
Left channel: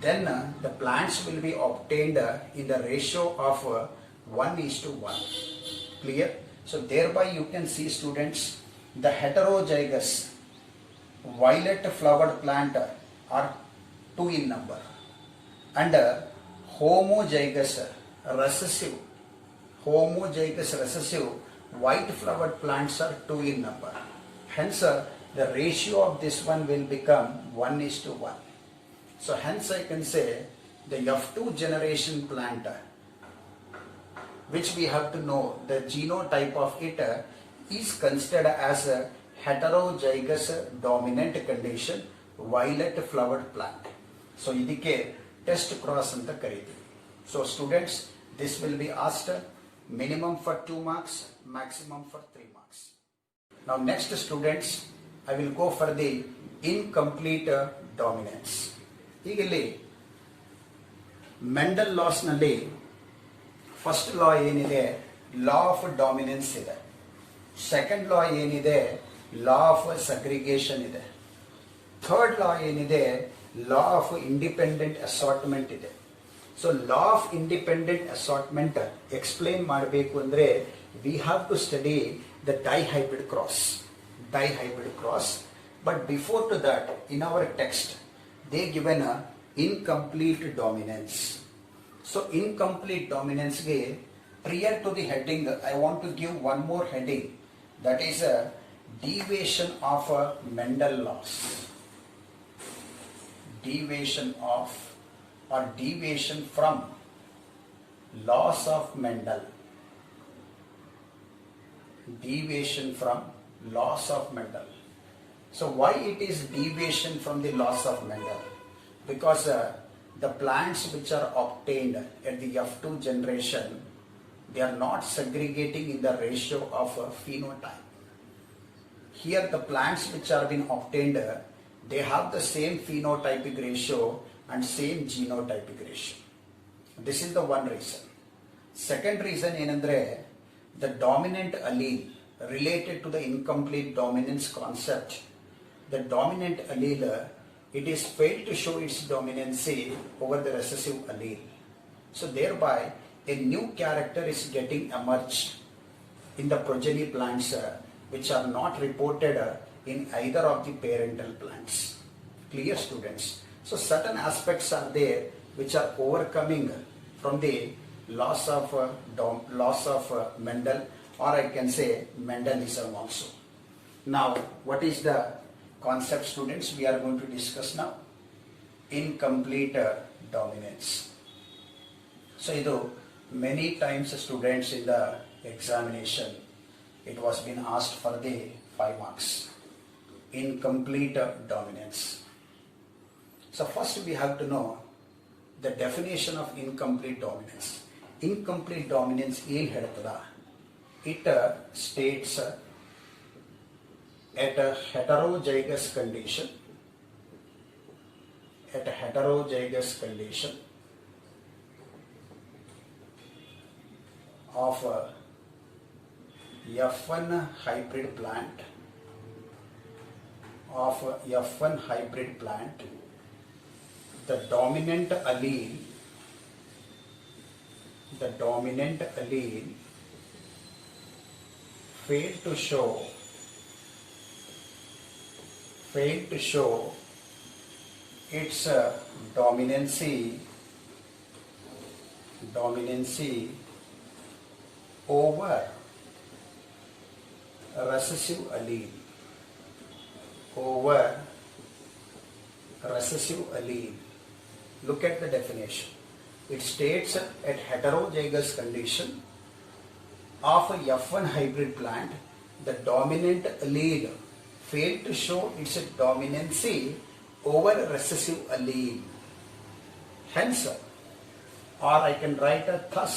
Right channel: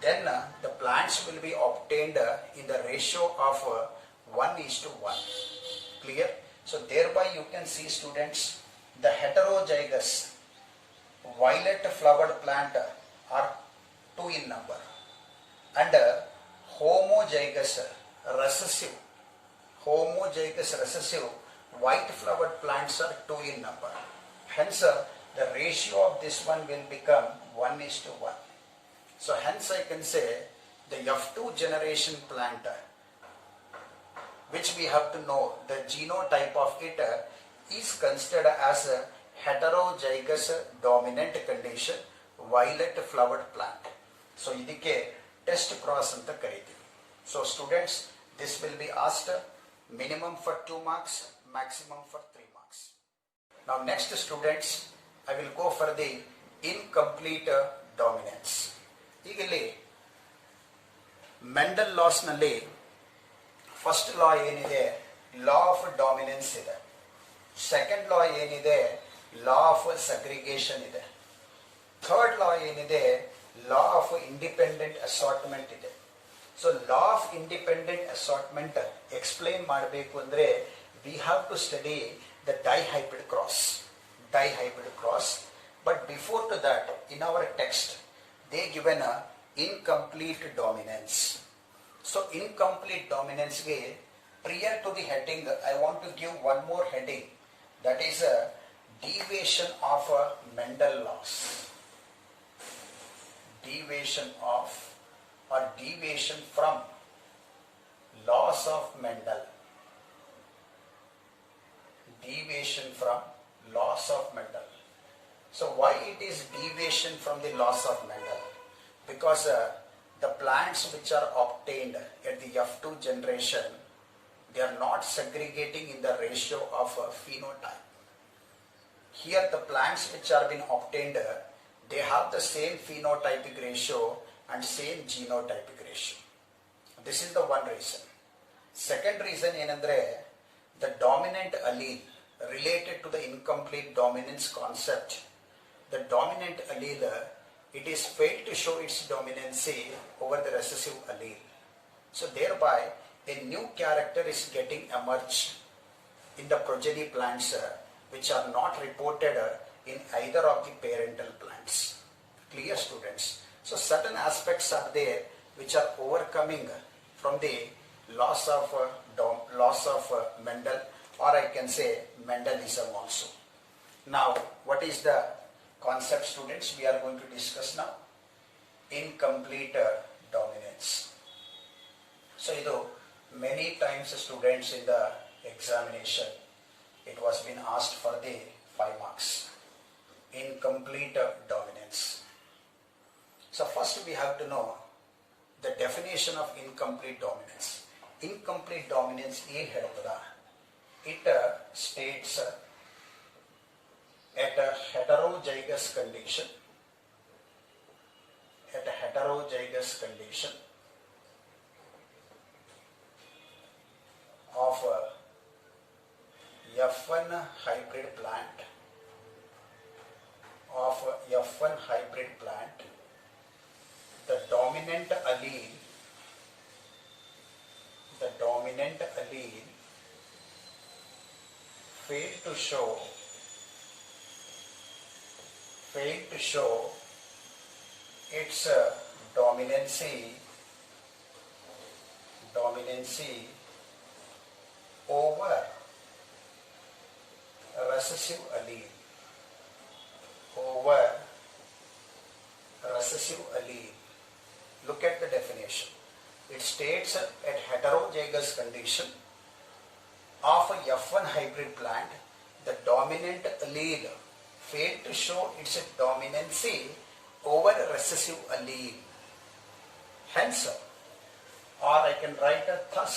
then the plants will be obtained in the ratio of 1:1. Clear? So thereby you can see, students, the heterozygous violet flowered plant are 2 in number, and homozygous recessive white flowered plants are 2 in number. Hence the ratio of this one will become 1:1. So hence I can say the F2 generation plant, which we have to know the genotype of it, is considered as a heterozygous dominant condition violet flowered plant. So idike test cross anta karithivi. So students, this will be asked minimum for 2 marks, maximum for 3 marks. Now next, students, I will go for the incomplete dominance. ಈಗ ಇಲ್ಲಿ Mendel laws ನಲ್ಲಿ first law ಏನಿದೆ, law of dominance ಇದೆ. Second law ಏನಿದೆ, law of segregation ಇದೆ. Third law ಏನಿದೆ, law of independent assortment ಇದೆ. So law of independent assortment explain ಮಾಡಬೇಕು ಅಂದ್ರೆ we have to study the dihybrid cross. But before to that, in our text, they given a incomplete dominance. So incomplete dominance way, prior to the heading, I want to give one more heading, that is a deviation of a Mendel laws. Deviation from laws of Mendel. Deviation from laws of Mendel. So why it is deviation from the laws of Mendel? Because the plants which are obtained at the F2 generation, they are not segregating in the ratio of a phenotype. Here the plants which are being obtained, they have the same phenotypic ratio and same genotypic ratio. This is the one reason. Second reason ಏನಂದ್ರೆ, the dominant allele related to the incomplete dominance concept, the dominant allele, it is failed to show its dominancy over the recessive allele. So thereby a new character is getting emerged in the progeny plants which are not reported in either of the parental plants. Clear, students? So certain aspects are there which are overcoming from the loss of Mendel, or I can say Mendelism also. Now, what is the concept, students, we are going to discuss now? Incomplete dominance. So, many times students in the examination, it was been asked for the 5 marks. Incomplete dominance. So first we have to know the definition of incomplete dominance. Incomplete dominance ಏನು ಹೇಳ್ತದ? It states at a heterozygous condition, of F1 hybrid plant, the dominant allele failed to show its dominancy over recessive allele. Look at the definition. It states at heterozygous condition of a F1 hybrid plant, the dominant allele failed to show its dominancy over a recessive allele. Hence, or I can write a thus,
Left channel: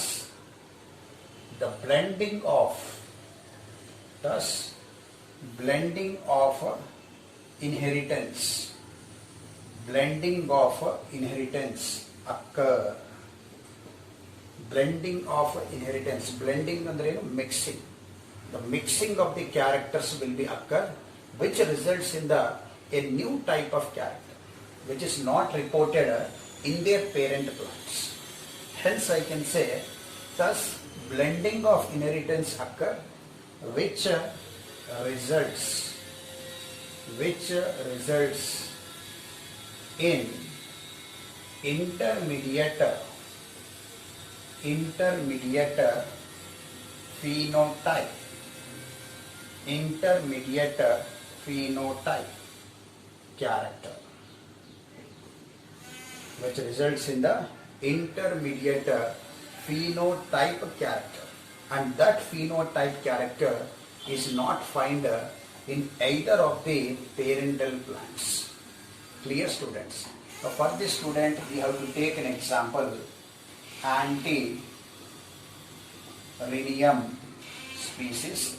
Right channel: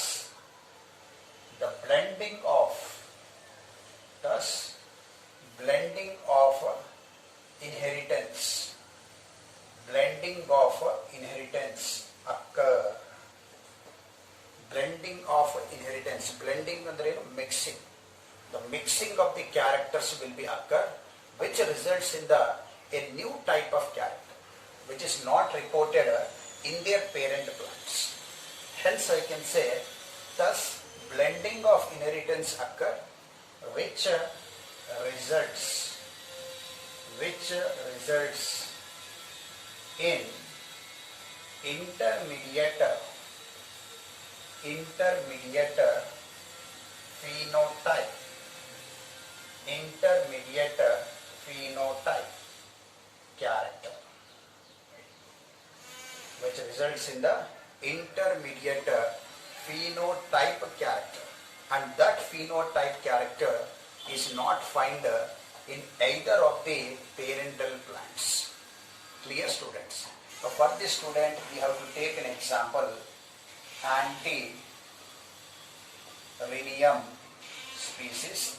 the blending of inheritance occur. Blending ಅಂದ್ರೆ mixing. The mixing of the characters will be occur, which results in a new type of character, which is not reported in their parent plants. Hence, I can say, thus blending of inheritance occur, which results in intermediate phenotype character, which results in the intermediate phenotype character, and that phenotype character is not found in either of the parental plants. Clear, students? For this student, we have to take an example, Antirrhinium species.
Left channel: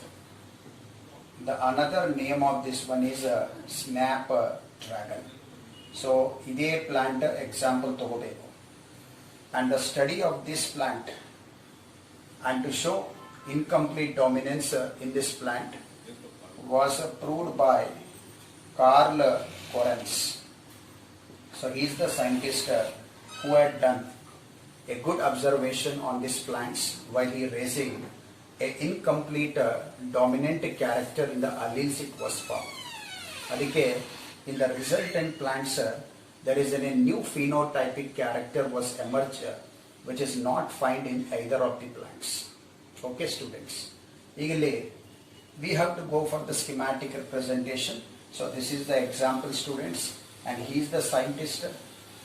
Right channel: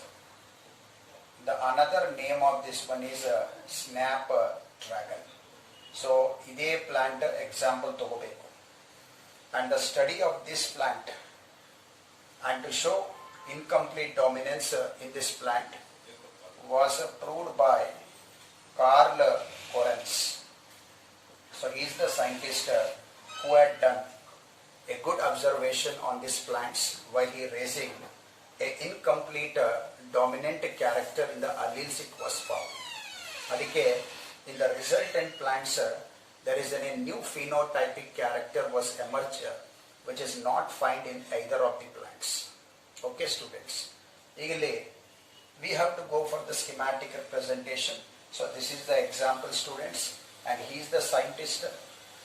The another name of this one is snapdragon. So, ide plant example togobeku. And the study of this plant, and to show incomplete dominance in this plant, was proved by Carl Correns. So he is the scientist who had done a good observation on these plants while he raising a incomplete dominant character in the alleles it was found. Adike in the resultant plants there is a new phenotypic character was emerged which is not found in either of the plants. Okay, students. Eagerly we have to go for the schematic representation. So this is the example, students, and he is the scientist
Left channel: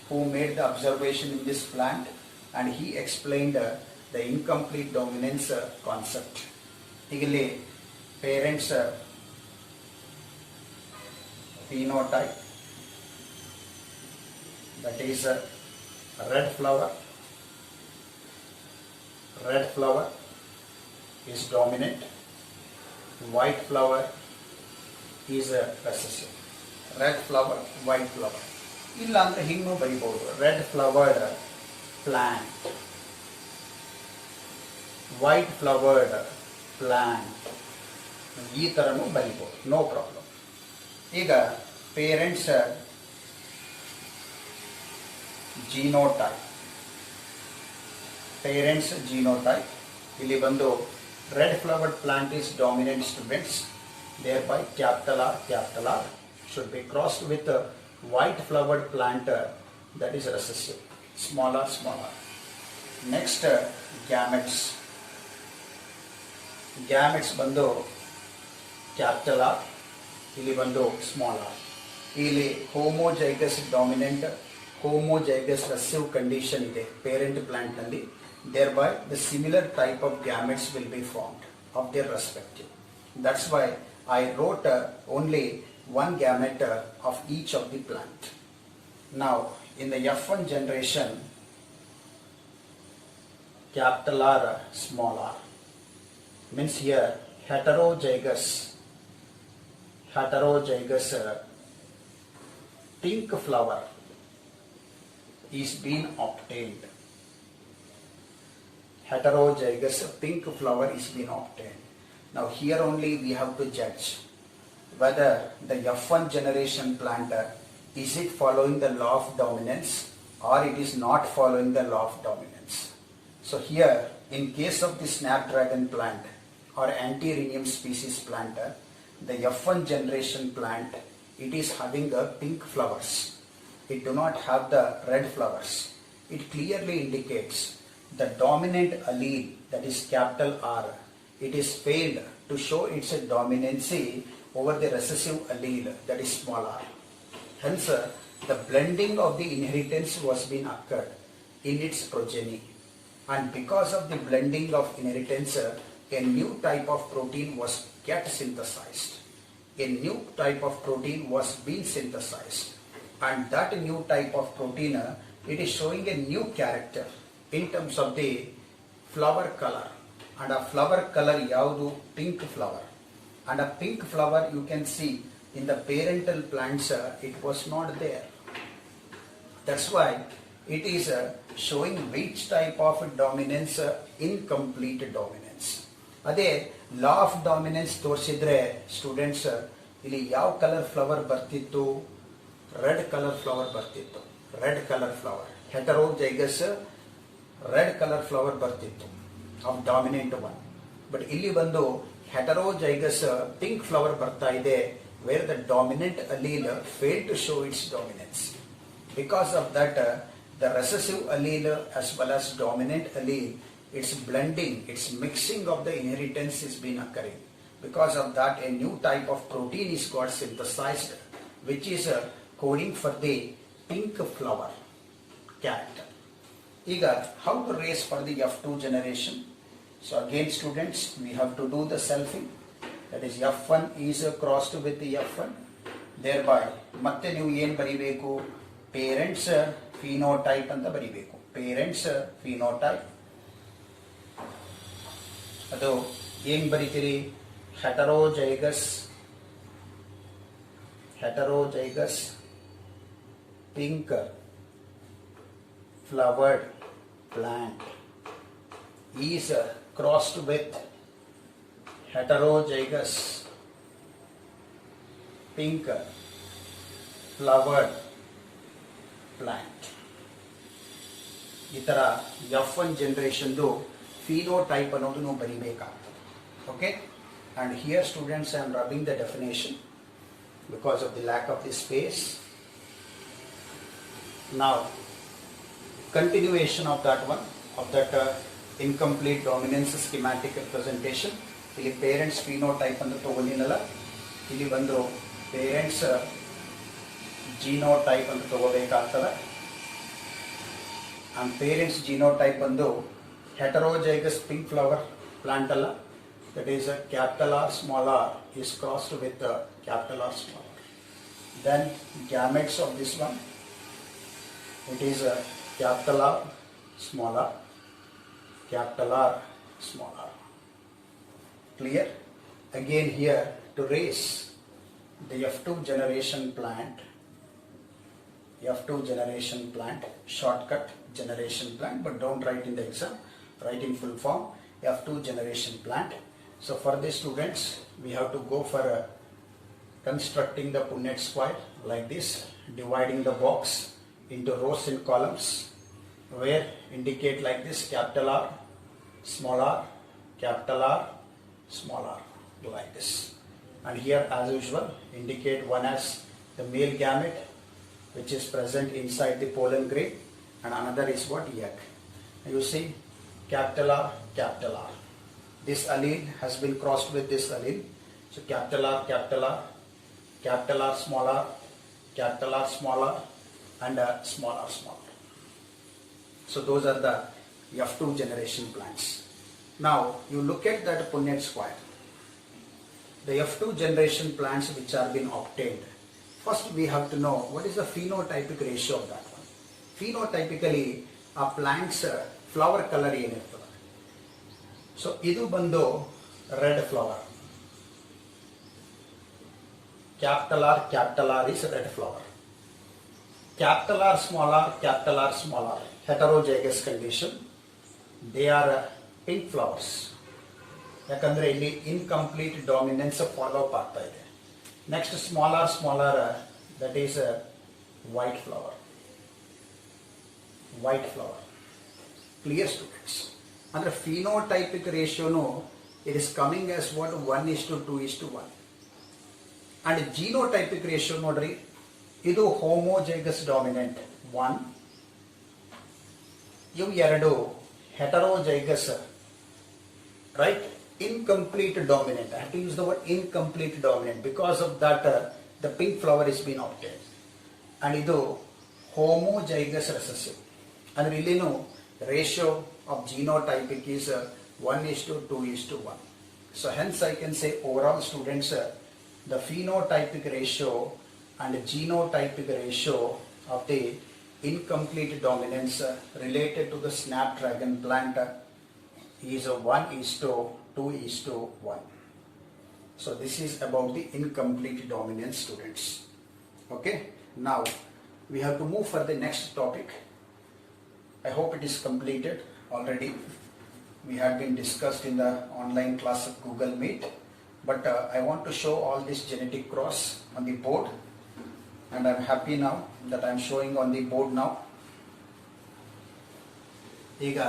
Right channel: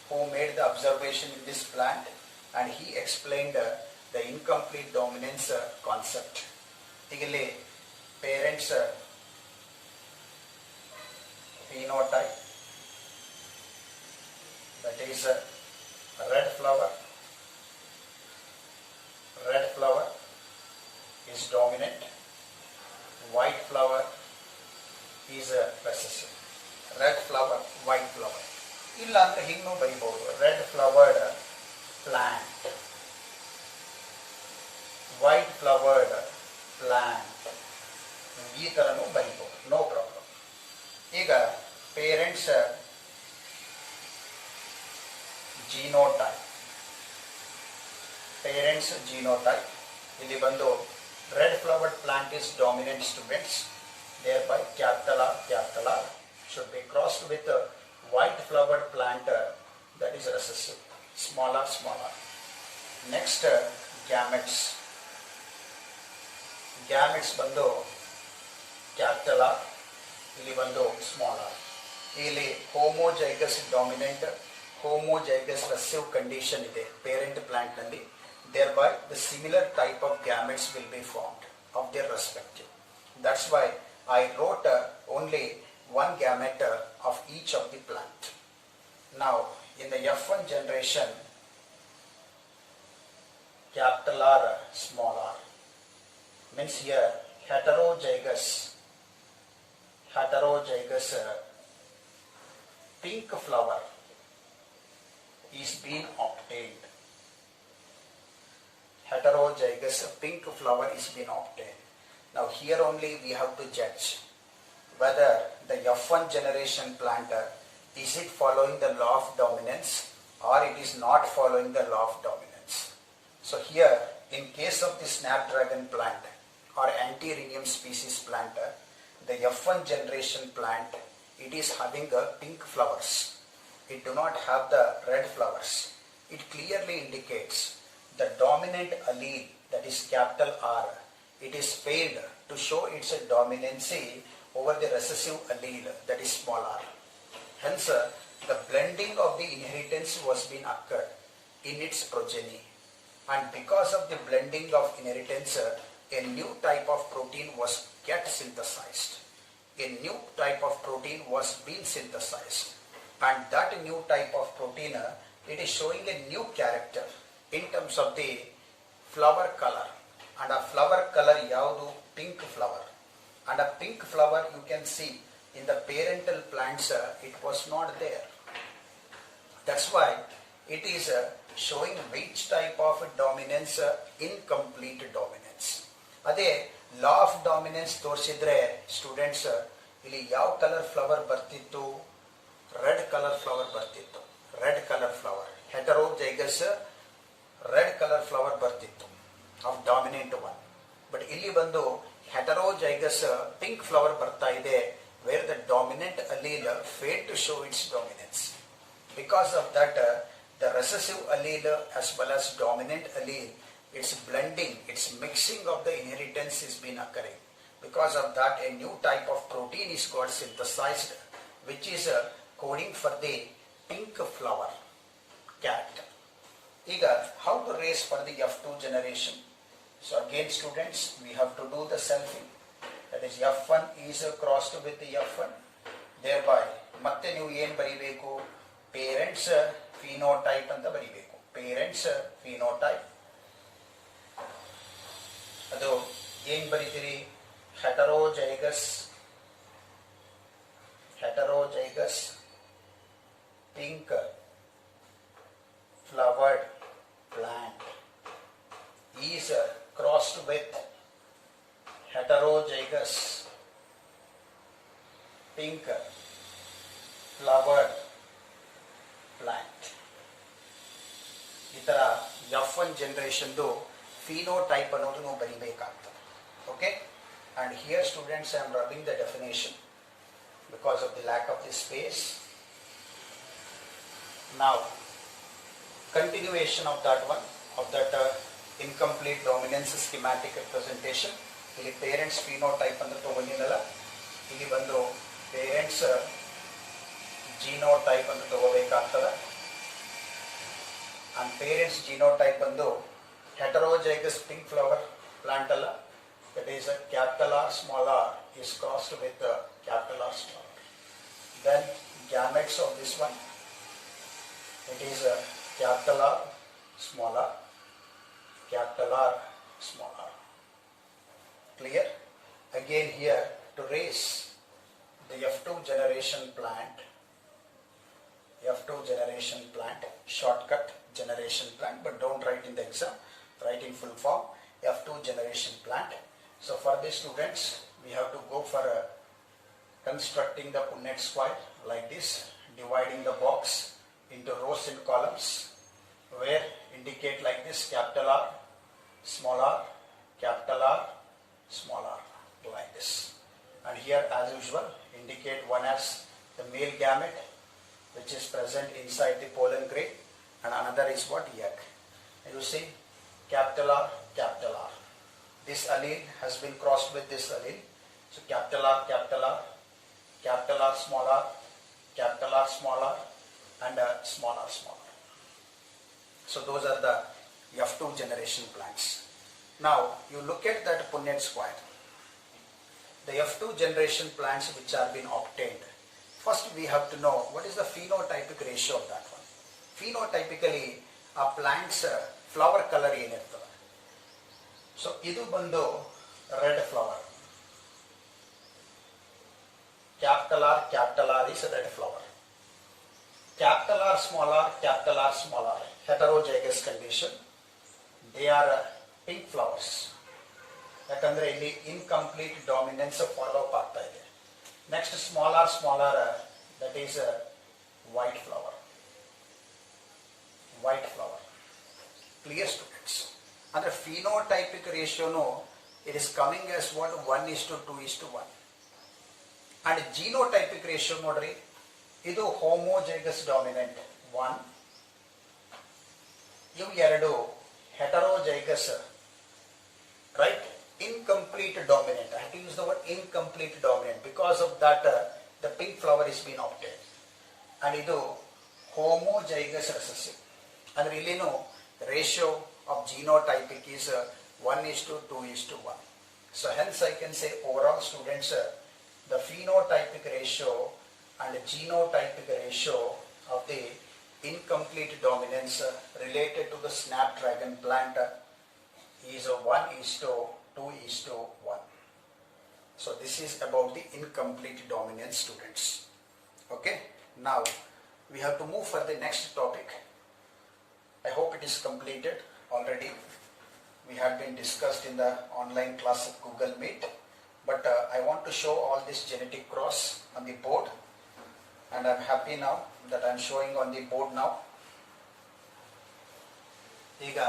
who made the observation in this plant, and he explained the incomplete dominance concept. Eagerly parents phenotype, that is red flower is dominant, white flower is recessive. Red flower, white flower. ಇಲ್ಲ ಅಂದ್ರೆ ಹಿಂಗೂ ಬರೀಬಹುದು. Red flowered plant, white flowered plant, ಈ ತರನು ಬರೀಬಹುದು, no problem. ಈಗ parents genotype ಇಲ್ಲಿ ಬಂದು red flowered plant is dominant, students, thereby capital R should be crossed with a white flowered plant that is recessive, small r. Next, gametes ಬಂದು capital R, ಇಲ್ಲಿ ಬಂದು small r. ಇಲ್ಲಿ homozygous dominant, homozygous recessive condition ಇದೆ parent plant ನಲ್ಲಿ. Thereby, the similar type of gametes will be formed of their respective. That's why I wrote only one gamete of each of the plant. Now, in the F1 generation, capital R, small r, means here heterozygous pink flower is being obtained. Heterozygous pink flower is being obtained. Now here only we have to judge whether the F1 generation plant is it following the law of dominance or it is not following the law of dominance. So here in case of the snapdragon plant or Antirrhinium species plant, the F1 generation plant, it is having pink flowers. It do not have the red flowers. It clearly indicates the dominant allele, that is capital R, it is failed to show its dominancy over the recessive allele, that is small r. Hence, the blending of the inheritance was being occurred in its progeny, and because of the blending of inheritance, a new type of protein was get synthesized. A new type of protein was being synthesized. and that new type of protein, it is showing a new character in terms of the flower color. And a flower color yaudu pink flower, and a pink flower you can see in the parental plants it was not there. That's why it is showing which type of dominance, incomplete dominance. ಅದೇ law of dominance ತೋರಿಸಿದ್ರೆ students ಇಲ್ಲಿ ಯಾವ colour flower ಬರ್ತಿತ್ತು? Red colour flower ಬರ್ತಿತ್ತು. Red colour flower heterozygous red colour flower ಬರ್ತಿತ್ತು of dominant one. But ಇಲ್ಲಿ ಬಂದು heterozygous pink flower ಬರ್ತಾ ಇದೆ, where the dominant allele failed to show its dominance. Because of that, the recessive allele as well as dominant allele, its blending, its mixing of the inheritance is been occurring. Because of that, a new type of protein is got synthesized, which is coding for the pink flower character. ಈಗ how to raise for the F2 generation? So again students, we have to do the selfing. That is F1 is crossed with the F1. Thereby ಮತ್ತೆ ನೀವು ಏನು ಬರಿಬೇಕು? Parents phenotype ಅಂತ ಬರಿಬೇಕು. Parents phenotype ಅದು ಏನ್ ಬರಿತೀರಿ? Heterozygous pink flowered plant is crossed with heterozygous pink flowered plant. ಈ ತರ F1 ಜನರೇಷನ್ ಫಿನೋಟೈಪ್ ಅನ್ನೋದು ನೀವು ಬರೀಬೇಕಾಗ್ತದೆ. Okay, and here students I am rubbing the definition because of the lack of the space. Now continuation of that one, of that incomplete dominance schematic representation. ಇಲ್ಲಿ parents phenotype ಅಂತ ತಗೊಂಡಿನಲ್ಲ, ಇಲ್ಲಿ ಬಂದು parents genotype ಅಂತ ತಗೋಬೇಕಾಗ್ತದೆ. And parents genotype ಬಂದು heterozygous pink flower plant ಅಲ್ಲ, that is a capital R small r is crossed with a capital R small r. Then gametes of this one, it is a capital R small r, capital R small r. Clear? Again here to raise the F2 generation plant, shortcut generation plant, but don't write in the exam, write in full form, F2 generation plant. So for these students, we have to go for constructing the Punnett square like this, dividing the box into rows and columns, where indicate like this: capital R, small r, capital R, small r, like this. And here as usual indicate one as the male gamete, which is present inside the pollen grain, and another is what? Egg. You see capital R, capital R. This allele has been crossed with this allele. So capital R, capital R, capital R, small r, capital R, small r, and small r, small r. So those are the F2 generation plants. Now you look at that Punnett square. The F2 generation plants which are been obtained. First we have to know what is the phenotypic ratio of that one. Phenotypically a plant's flower color ಏನಿರ್ತದೆ. So ಇದು ಬಂದು red flower. Capital R is red flower. Capital R, small r, capital R, small r, heterozygous condition. They are pink flowers. ಯಾಕಂದ್ರೆ ಇಲ್ಲಿ incomplete dominance follow up ಆಗ್ತಾ ಇದೆ. Next small R that is white flower. Clear students? ಅಂದ್ರೆ phenotypic ರೇಷಿಯೋನು it is coming as what 1:2:1. And genotypic ratio ನೋಡ್ರಿ, ಇದು ಹೋಮೋಜೈಗಸ್ dominant 1, ಇವು 2 ಹೆಟರೋಜೈಗಸ್, right? Incomplete dominant. I have to use the word incomplete dominant. Because of that the pink flower is being obtained. And idu homozygous recessive. And illinu ratio of genotypic is 1:2:1. So hence I can say overall students the phenotypic ratio and genotypic ratio of the incomplete dominance related to the snapdragon plant is 1:2:1. So this is about the incomplete dominance, students. Okay, now we have to move for the next topic. I hope it is completed already. We had been discussed in the online class of Google Meet, but I want to show all this genetic cross on the board, and I'm happy now that I'm showing on the board now. ಈಗ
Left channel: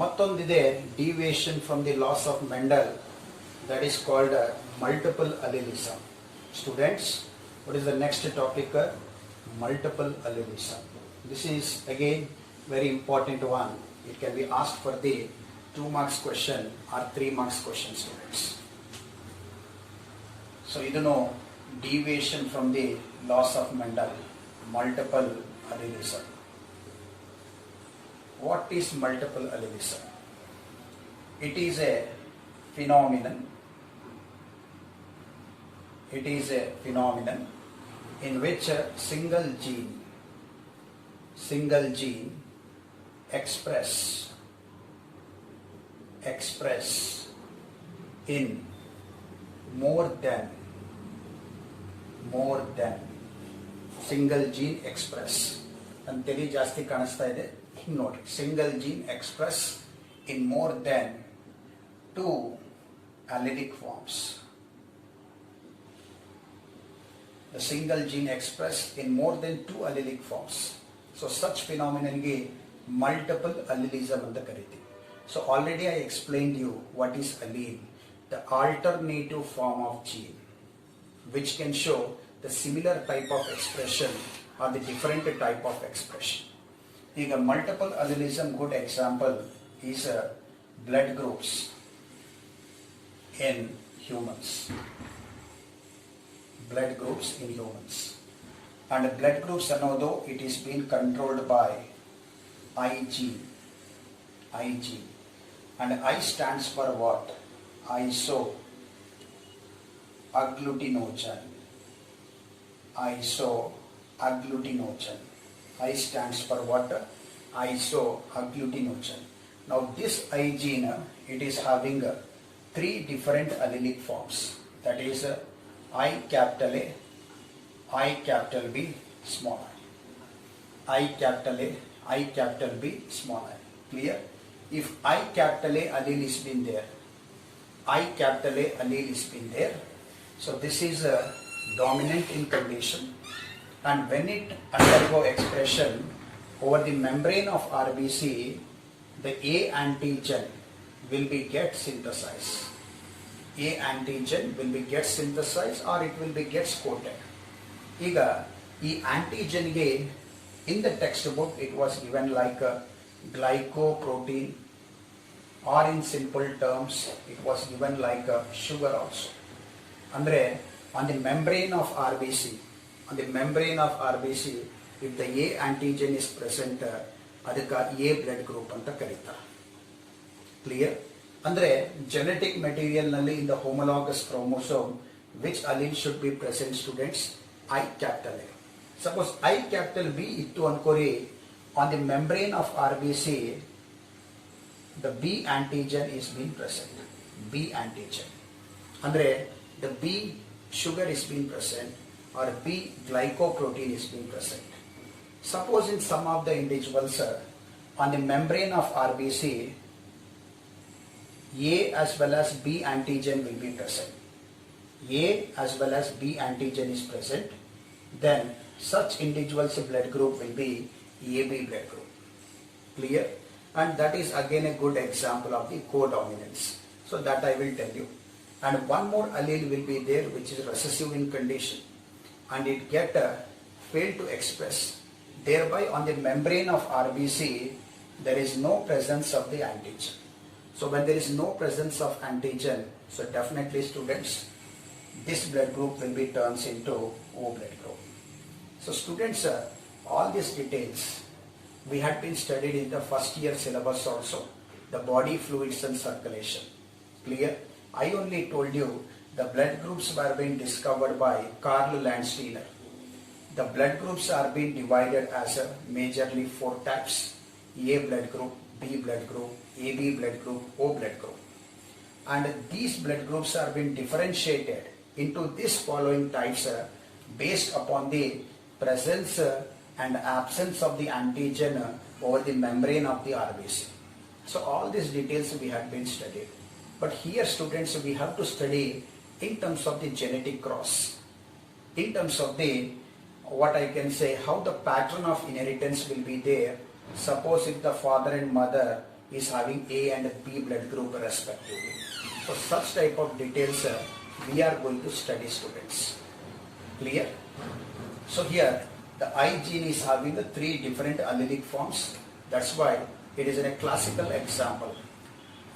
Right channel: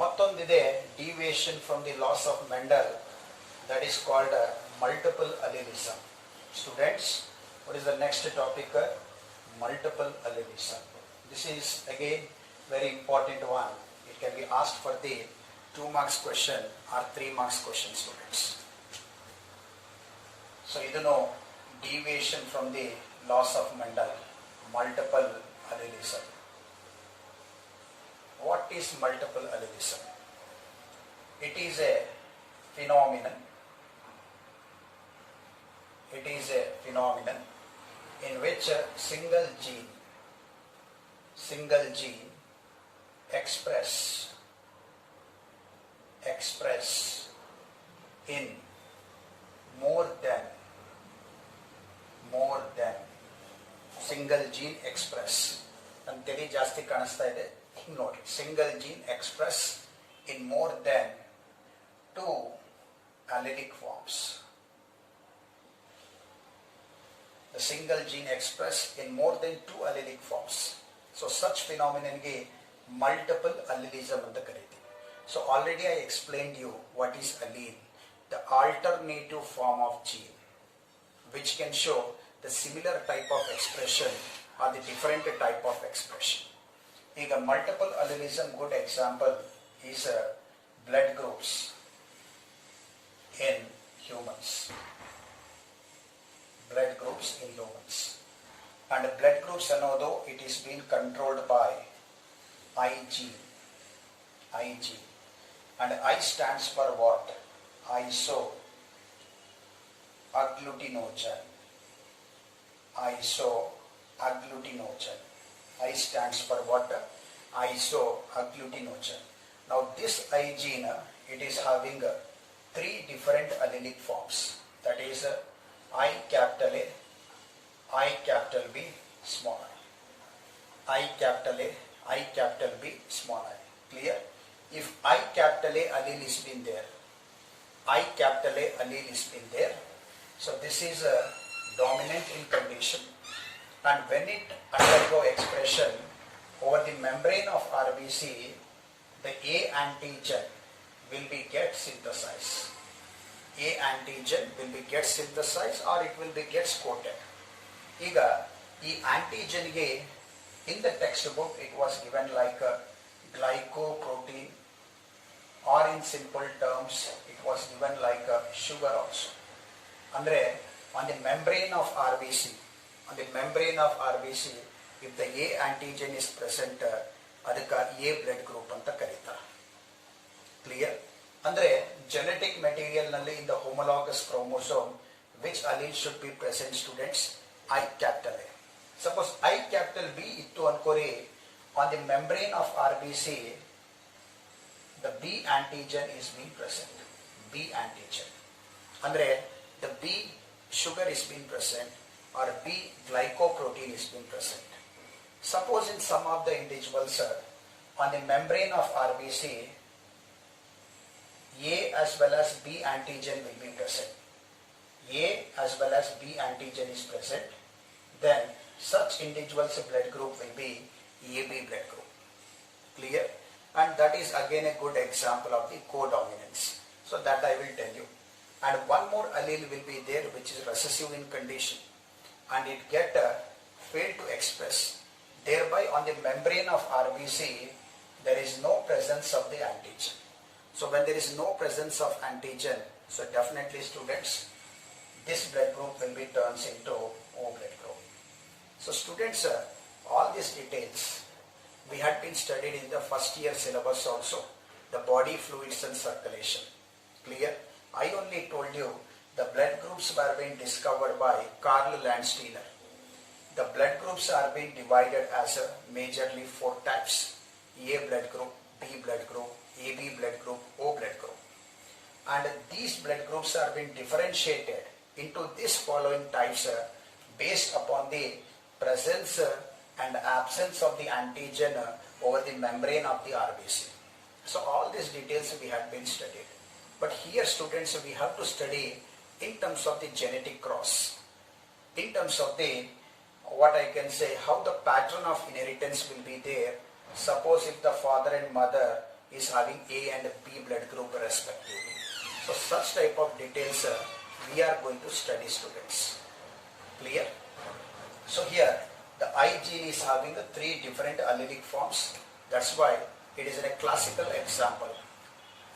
ಮತ್ತೊಂದಿದೆ deviation from the laws of Mendel, that is called multiple allelism. Students, what is the next topic? Multiple allelism. This is again very important one. It can be asked for the 2 marks question or 3 marks question, students. So you know deviation from the laws of Mendel, multiple allelism. What is multiple allelism? It is a phenomenon. It is a phenomenon in which a single gene express in more than single gene express. And teri jasti kanasta ide ನೋಡಿ, single gene express in more than 2 allelic forms. The single gene expressed in more than 2 allelic forms. So such phenomenon ge multiple allelism anta kariti. So already I explained you what is allele, the alternative form of gene which can show the similar type of expression or the different type of expression. ಈಗ multiple allelism good example is blood groups in humans. Blood groups in humans. And blood groups ಅನ್ನೋದು it is being controlled by IG. And I stands for what? Isoagglutinogen. I stands for what? Isoagglutinogen. Now this I gene, it is having 3 different allelic forms. That is I capital A, I capital B, small I. I capital A, I capital B, small I. Clear? If I capital A allele is been there, I capital A allele is been there, so this is a dominant in condition. And when it undergo expression over the membrane of RBC, the A antigen will be get synthesized. A antigen will be get synthesized or it will be gets coated. Iga ee antigen ge in the textbook it was given like a glycoprotein, or in simple terms it was given like a sugar also. Andre on the membrane of RBC, if the A antigen is present, adaka A blood group anta karitare. Clear? Andre genetic material nalli in the homologous chromosome which allele should be present, students? I capital A. Suppose I capital B ittu ankori, on the membrane of RBC the B antigen is being present. B antigen. Andre the B sugar is being present or B glycoprotein is being present. Suppose in some of the individuals on the membrane of RBC A as well as B antigen will be present. A as well as B antigen is present, then such individuals blood group will be AB blood group. Clear? And that is again a good example of the codominance. So that I will tell you. And one more allele will be there which is recessive in condition, and it get failed to express. Thereby on the membrane of RBC there is no presence of the antigen. So when there is no presence of antigen, so definitely students, this blood group will be turns into O blood group. So students, all these details we had been studied in the first year syllabus also, the body fluids and circulation. Clear? I only told you The blood groups were being discovered by Karl Landsteiner. The blood groups are being divided as majorly 4 types: A blood group, B blood group, AB blood group, O blood group. And these blood groups are being differentiated into these following types based upon the presence and absence of the antigen over the membrane of the RBC. So all these details we have been studied. But here students, we have to study in terms of the genetic cross, in terms of the, what I can say, how the pattern of inheritance will be there. Suppose if the father and mother is having A and B blood group respectively. So such type of details we are going to study, students. Clear? So here the I gene is having the 3 different allelic forms. That's why it is in a classical example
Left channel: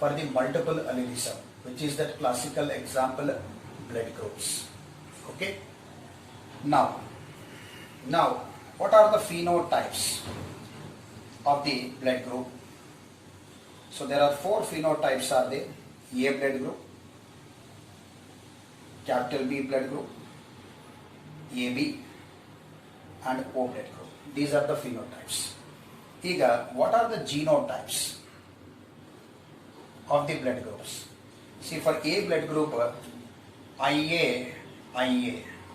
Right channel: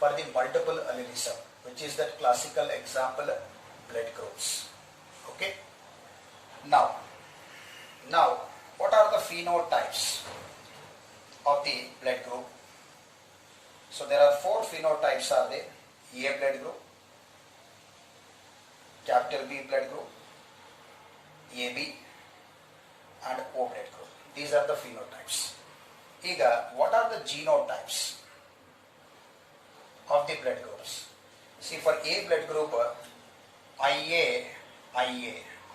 for the multiple allelism, which is that classical example blood groups. Okay. Now what are the phenotypes of the blood group? So there are 4 phenotypes are there: A blood group, capital B blood group, AB, and O blood group. These are the phenotypes. ಈಗ, what are the genotypes of the blood groups? See, for A blood group, IA,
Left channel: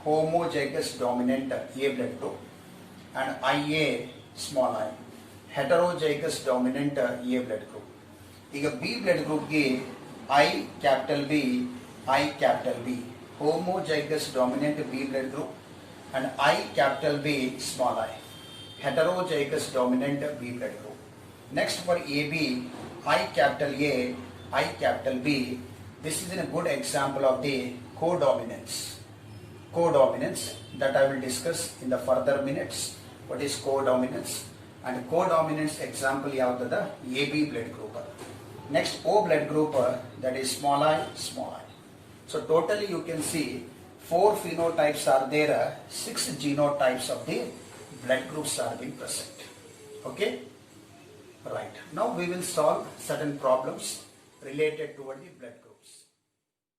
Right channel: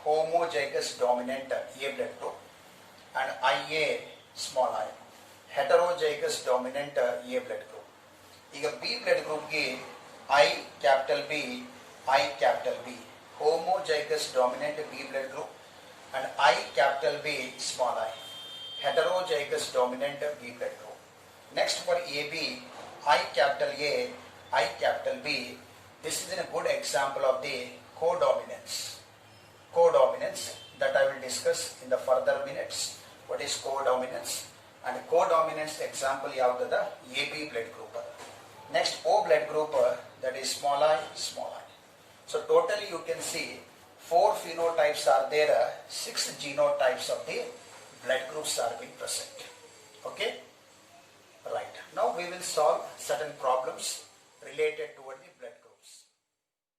homozygous dominant A blood group, and IA, small I, heterozygous dominant A blood group. ಈಗ B blood group ಗೆ I capital B, homozygous dominant B blood group, and I capital B, small I, heterozygous dominant B blood group. Next for AB, I capital A, I capital B. This is a good example of the codominance. Codominance that I will discuss in the further minutes. What is codominance? And codominance example you have the AB blood group. Next O blood group, that is small I. So totally you can see 4 phenotypes are there, 6 genotypes of the blood groups are being present. Okay? Right. Now we will solve certain problems related toward the blood group.